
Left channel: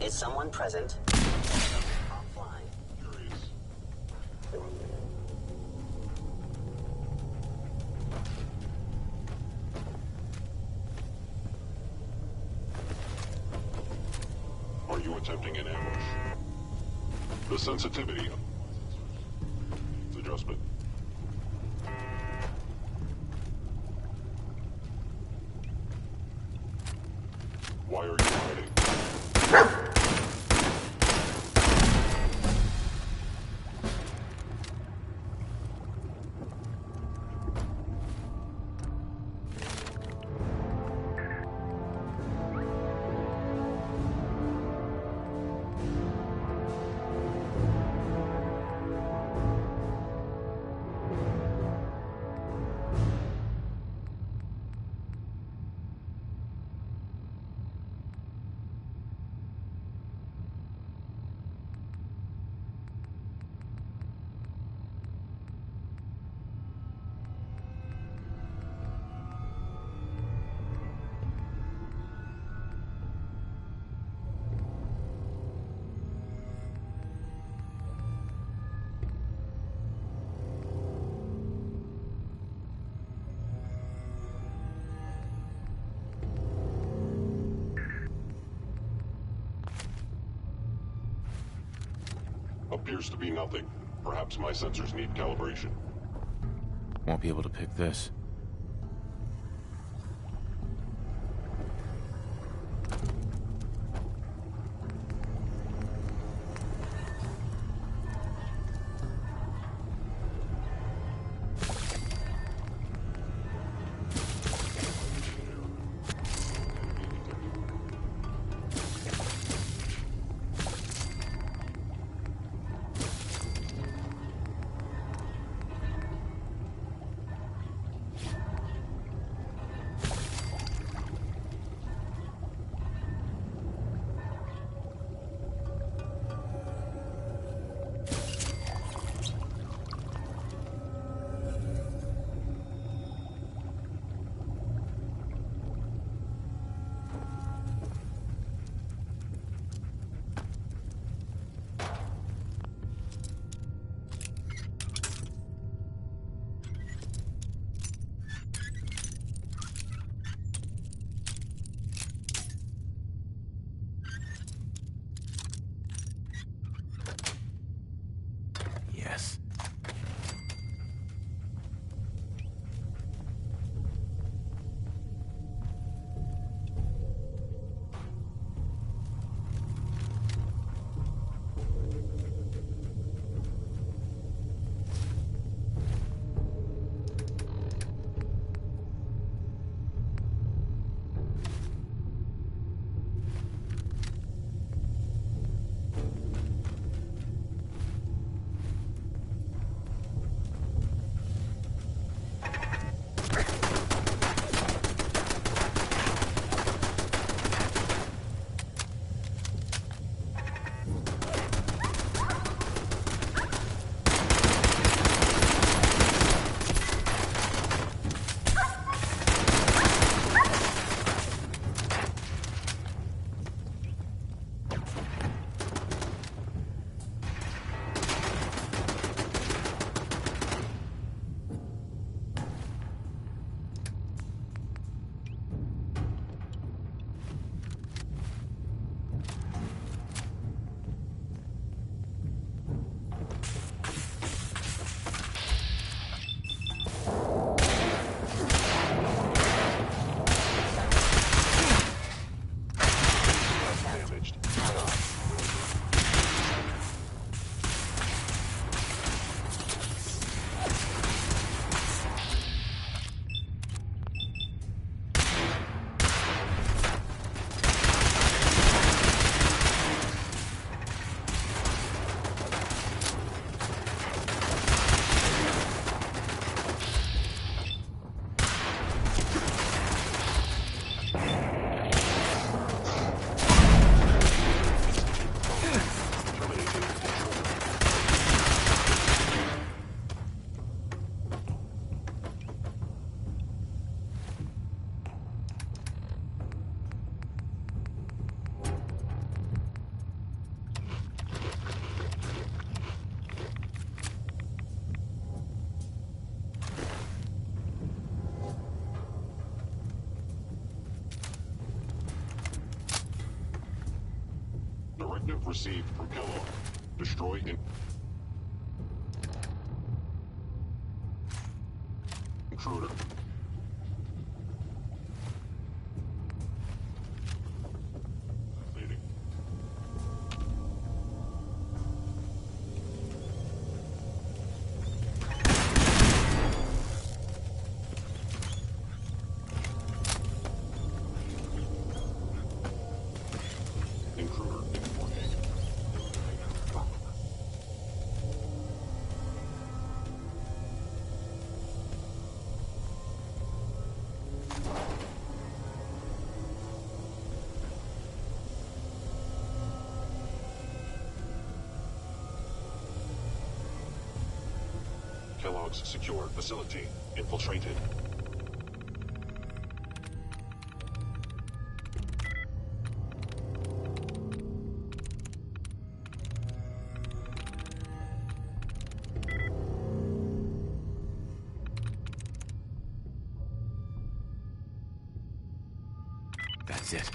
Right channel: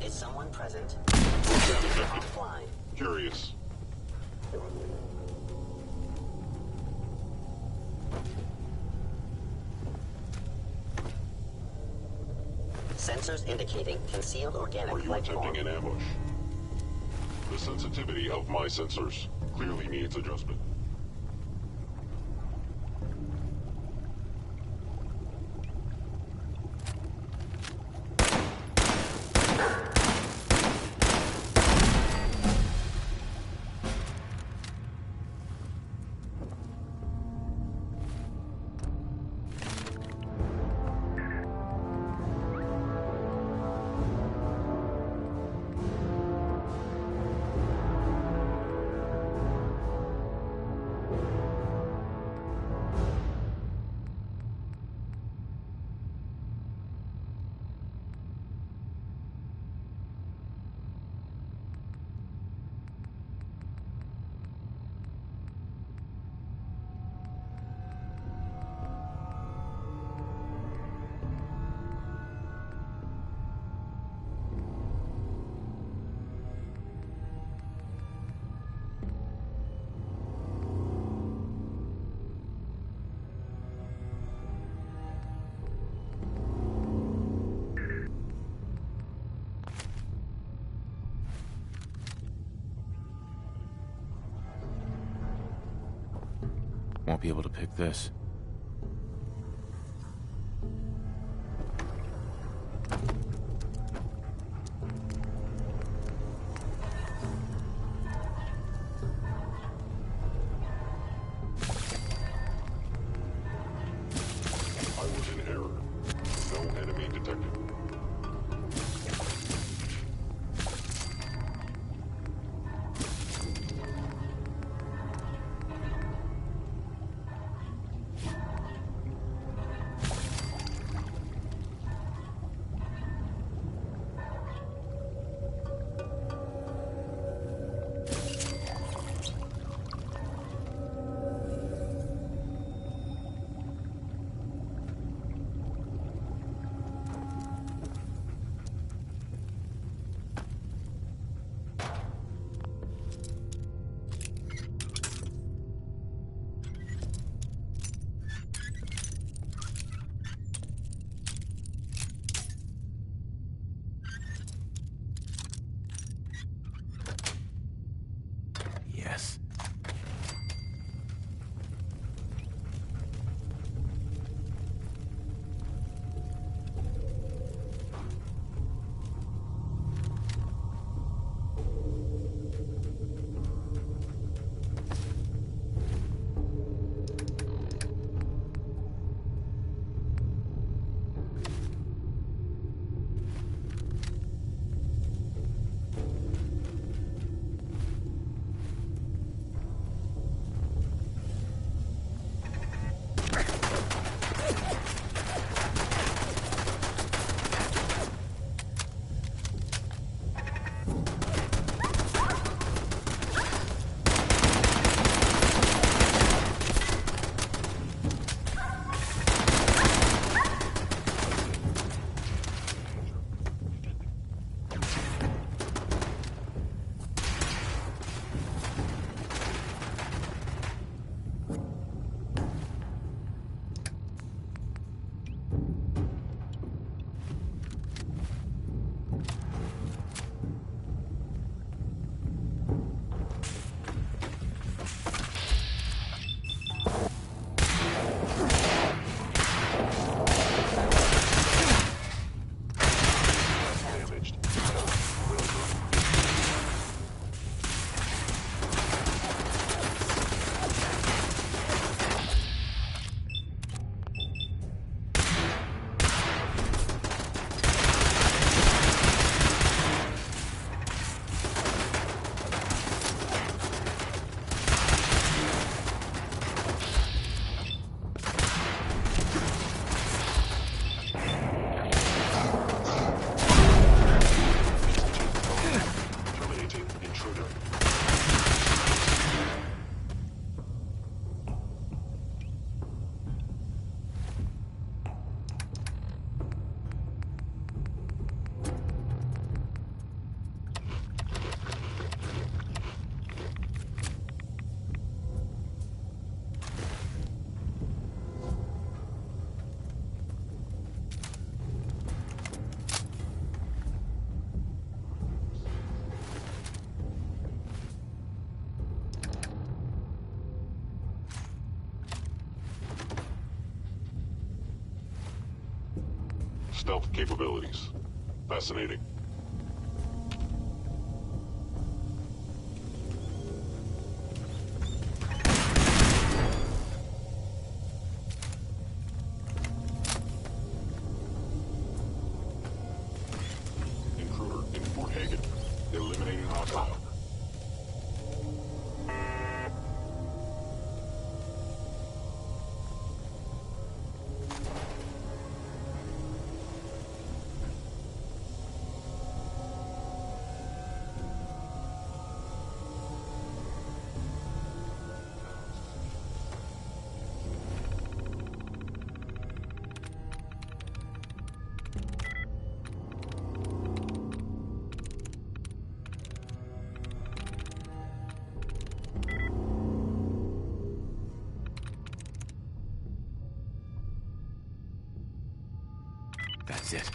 Is someone present? Offline. Curious. Sensors indicating concealed organic Are you life attempting form. an ambush? The sensitivity of my sensors clearly needs adjustment. Why are you hiding? appears to be nothing. Perhaps my sensors need calibration. Won't be able to pick this. Yes. Received from Kellogg. Destroy intruder. Stealth capabilities. Fascinating. Kellogg's secure facility infiltrated. That's it.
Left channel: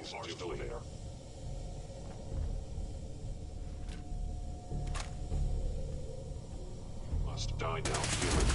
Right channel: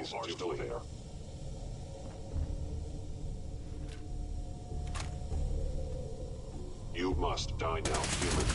enemies are still there. You must die now, human.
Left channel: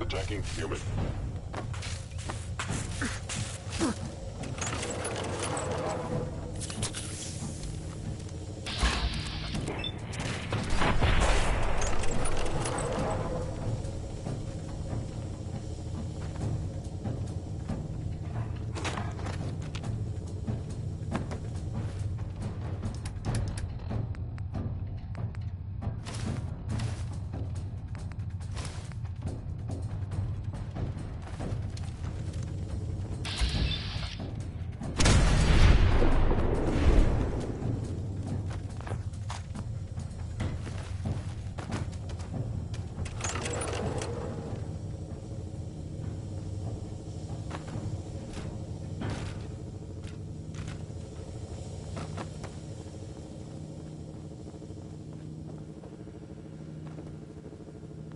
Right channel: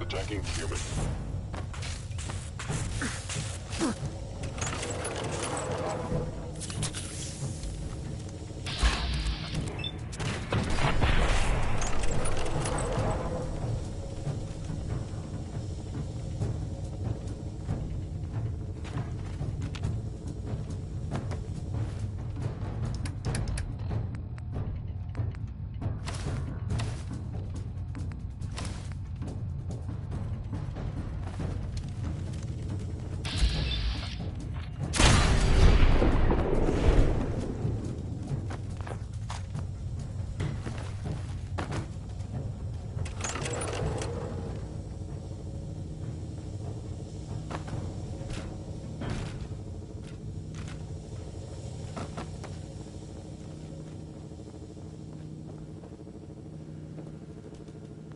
Attacking human.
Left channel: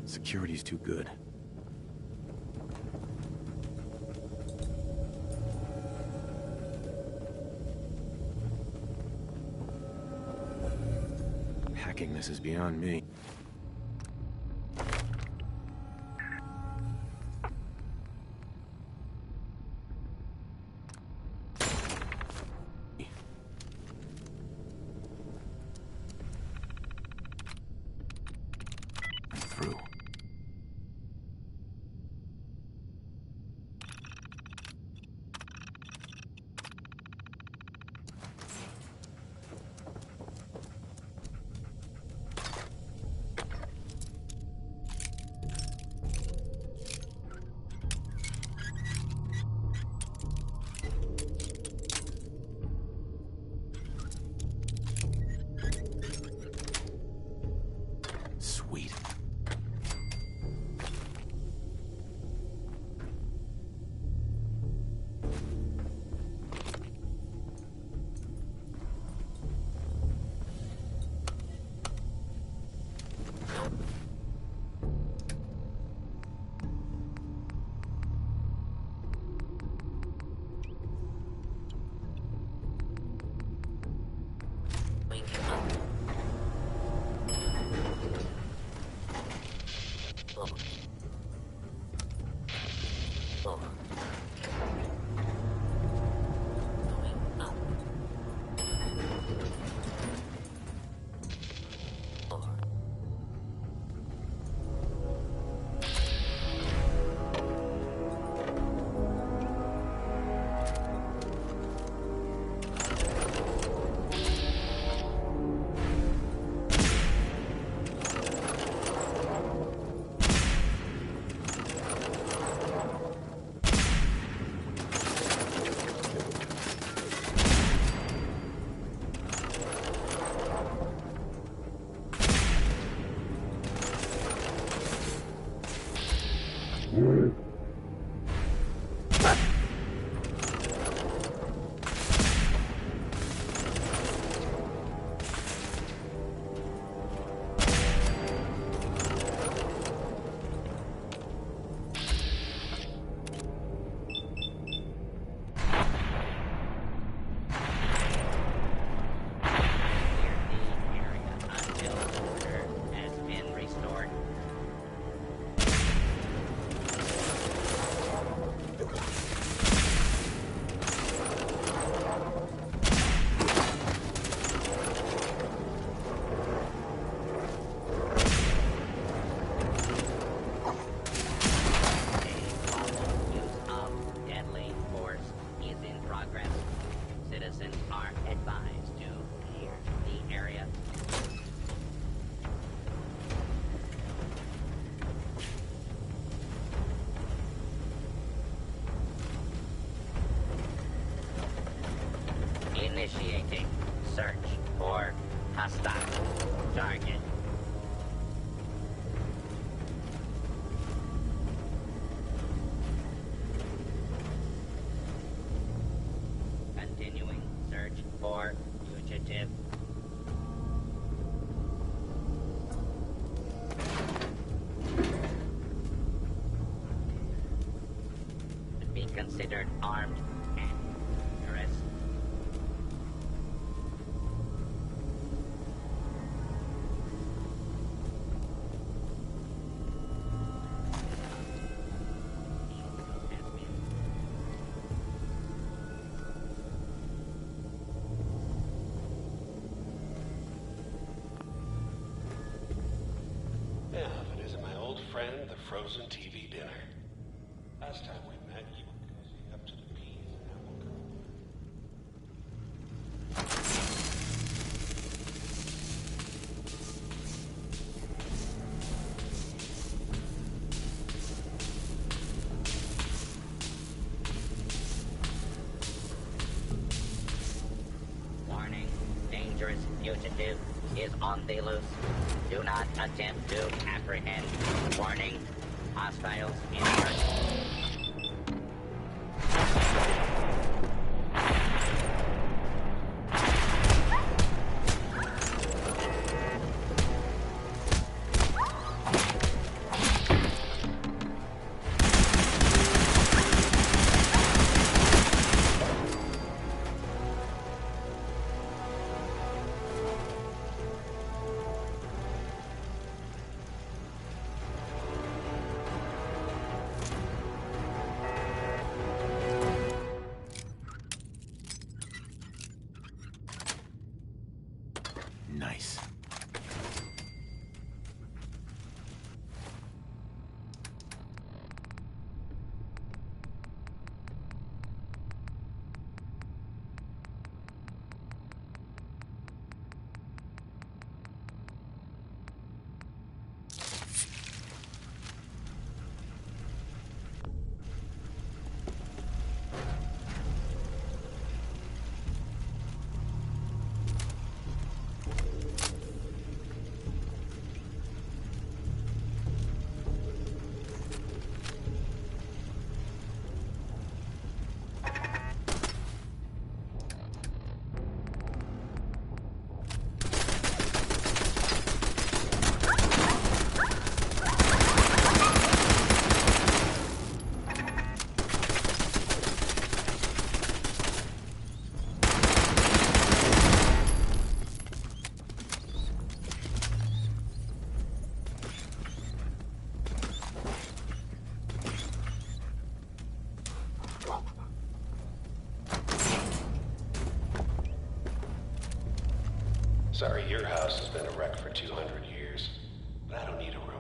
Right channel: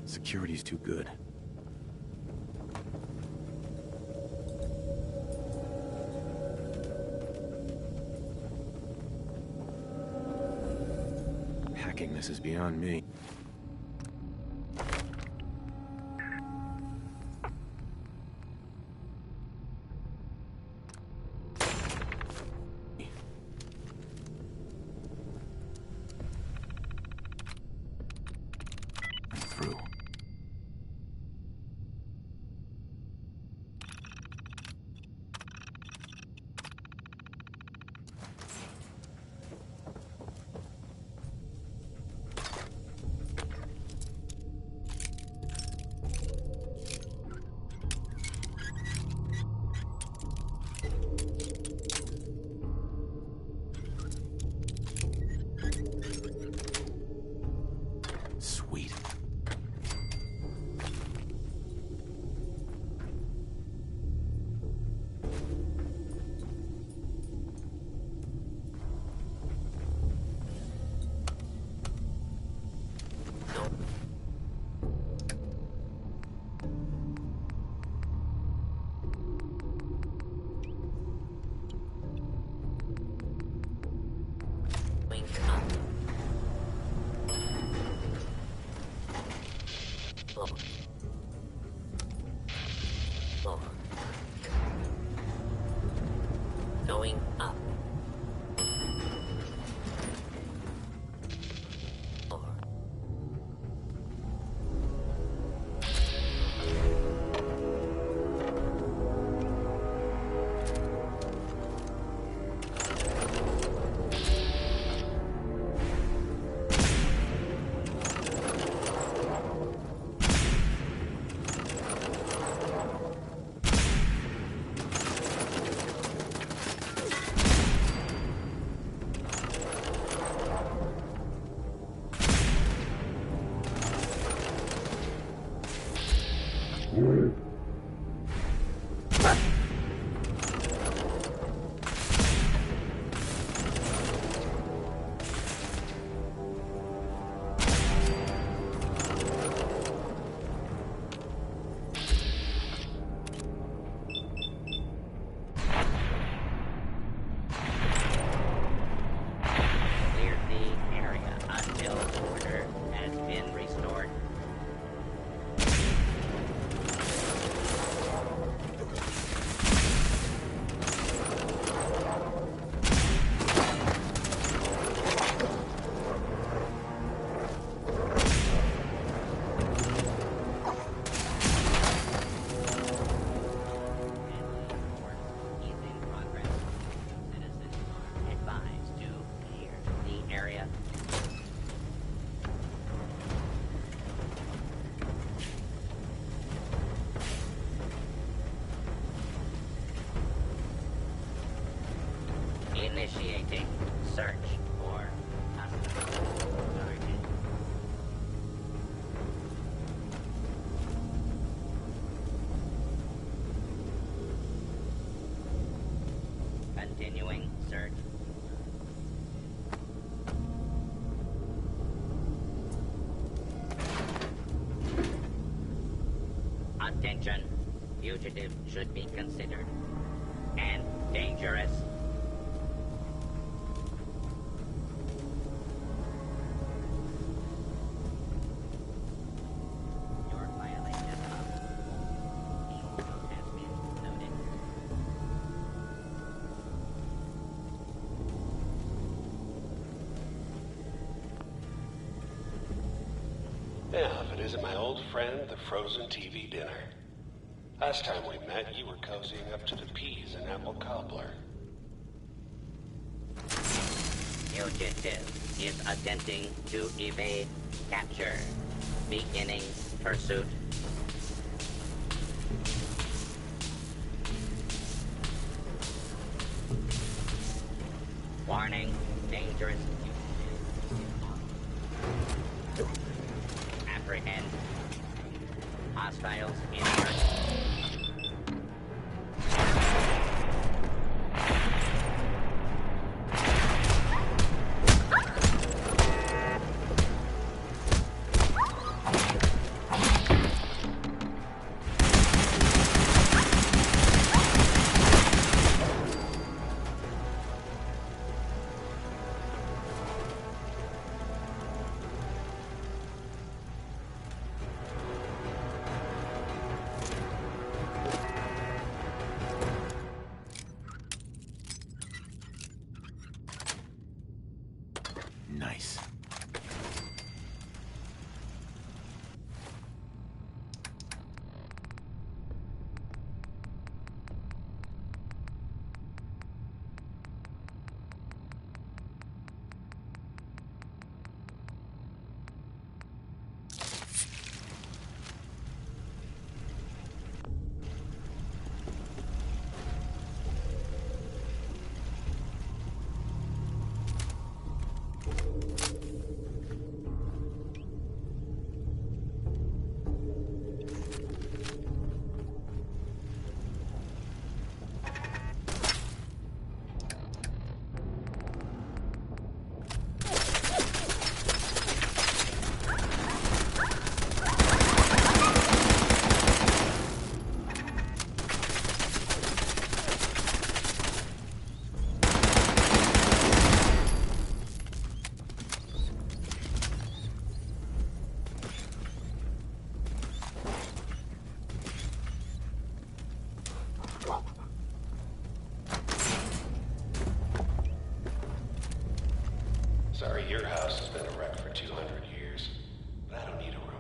Security's too good. Hacking this is beyond me. Through. Going up. 4. Initiating search for hostile target. Continuing search for fugitive. Attention, fugitive should be considered armed and dangerous. Yeah, if it isn't my old friend, the frozen TV dinner. Last time we met, you were cozying up to the peas and apple cobbler. Fugitive is attempting to evade capture. Beginning pursuit. Warning, dangerous fugitive is on the loose. Do not attempt to apprehend. Warning, hostiles in pursuit. Nice. Sorry your house has been a wreck for 200 years, but I don't need a room.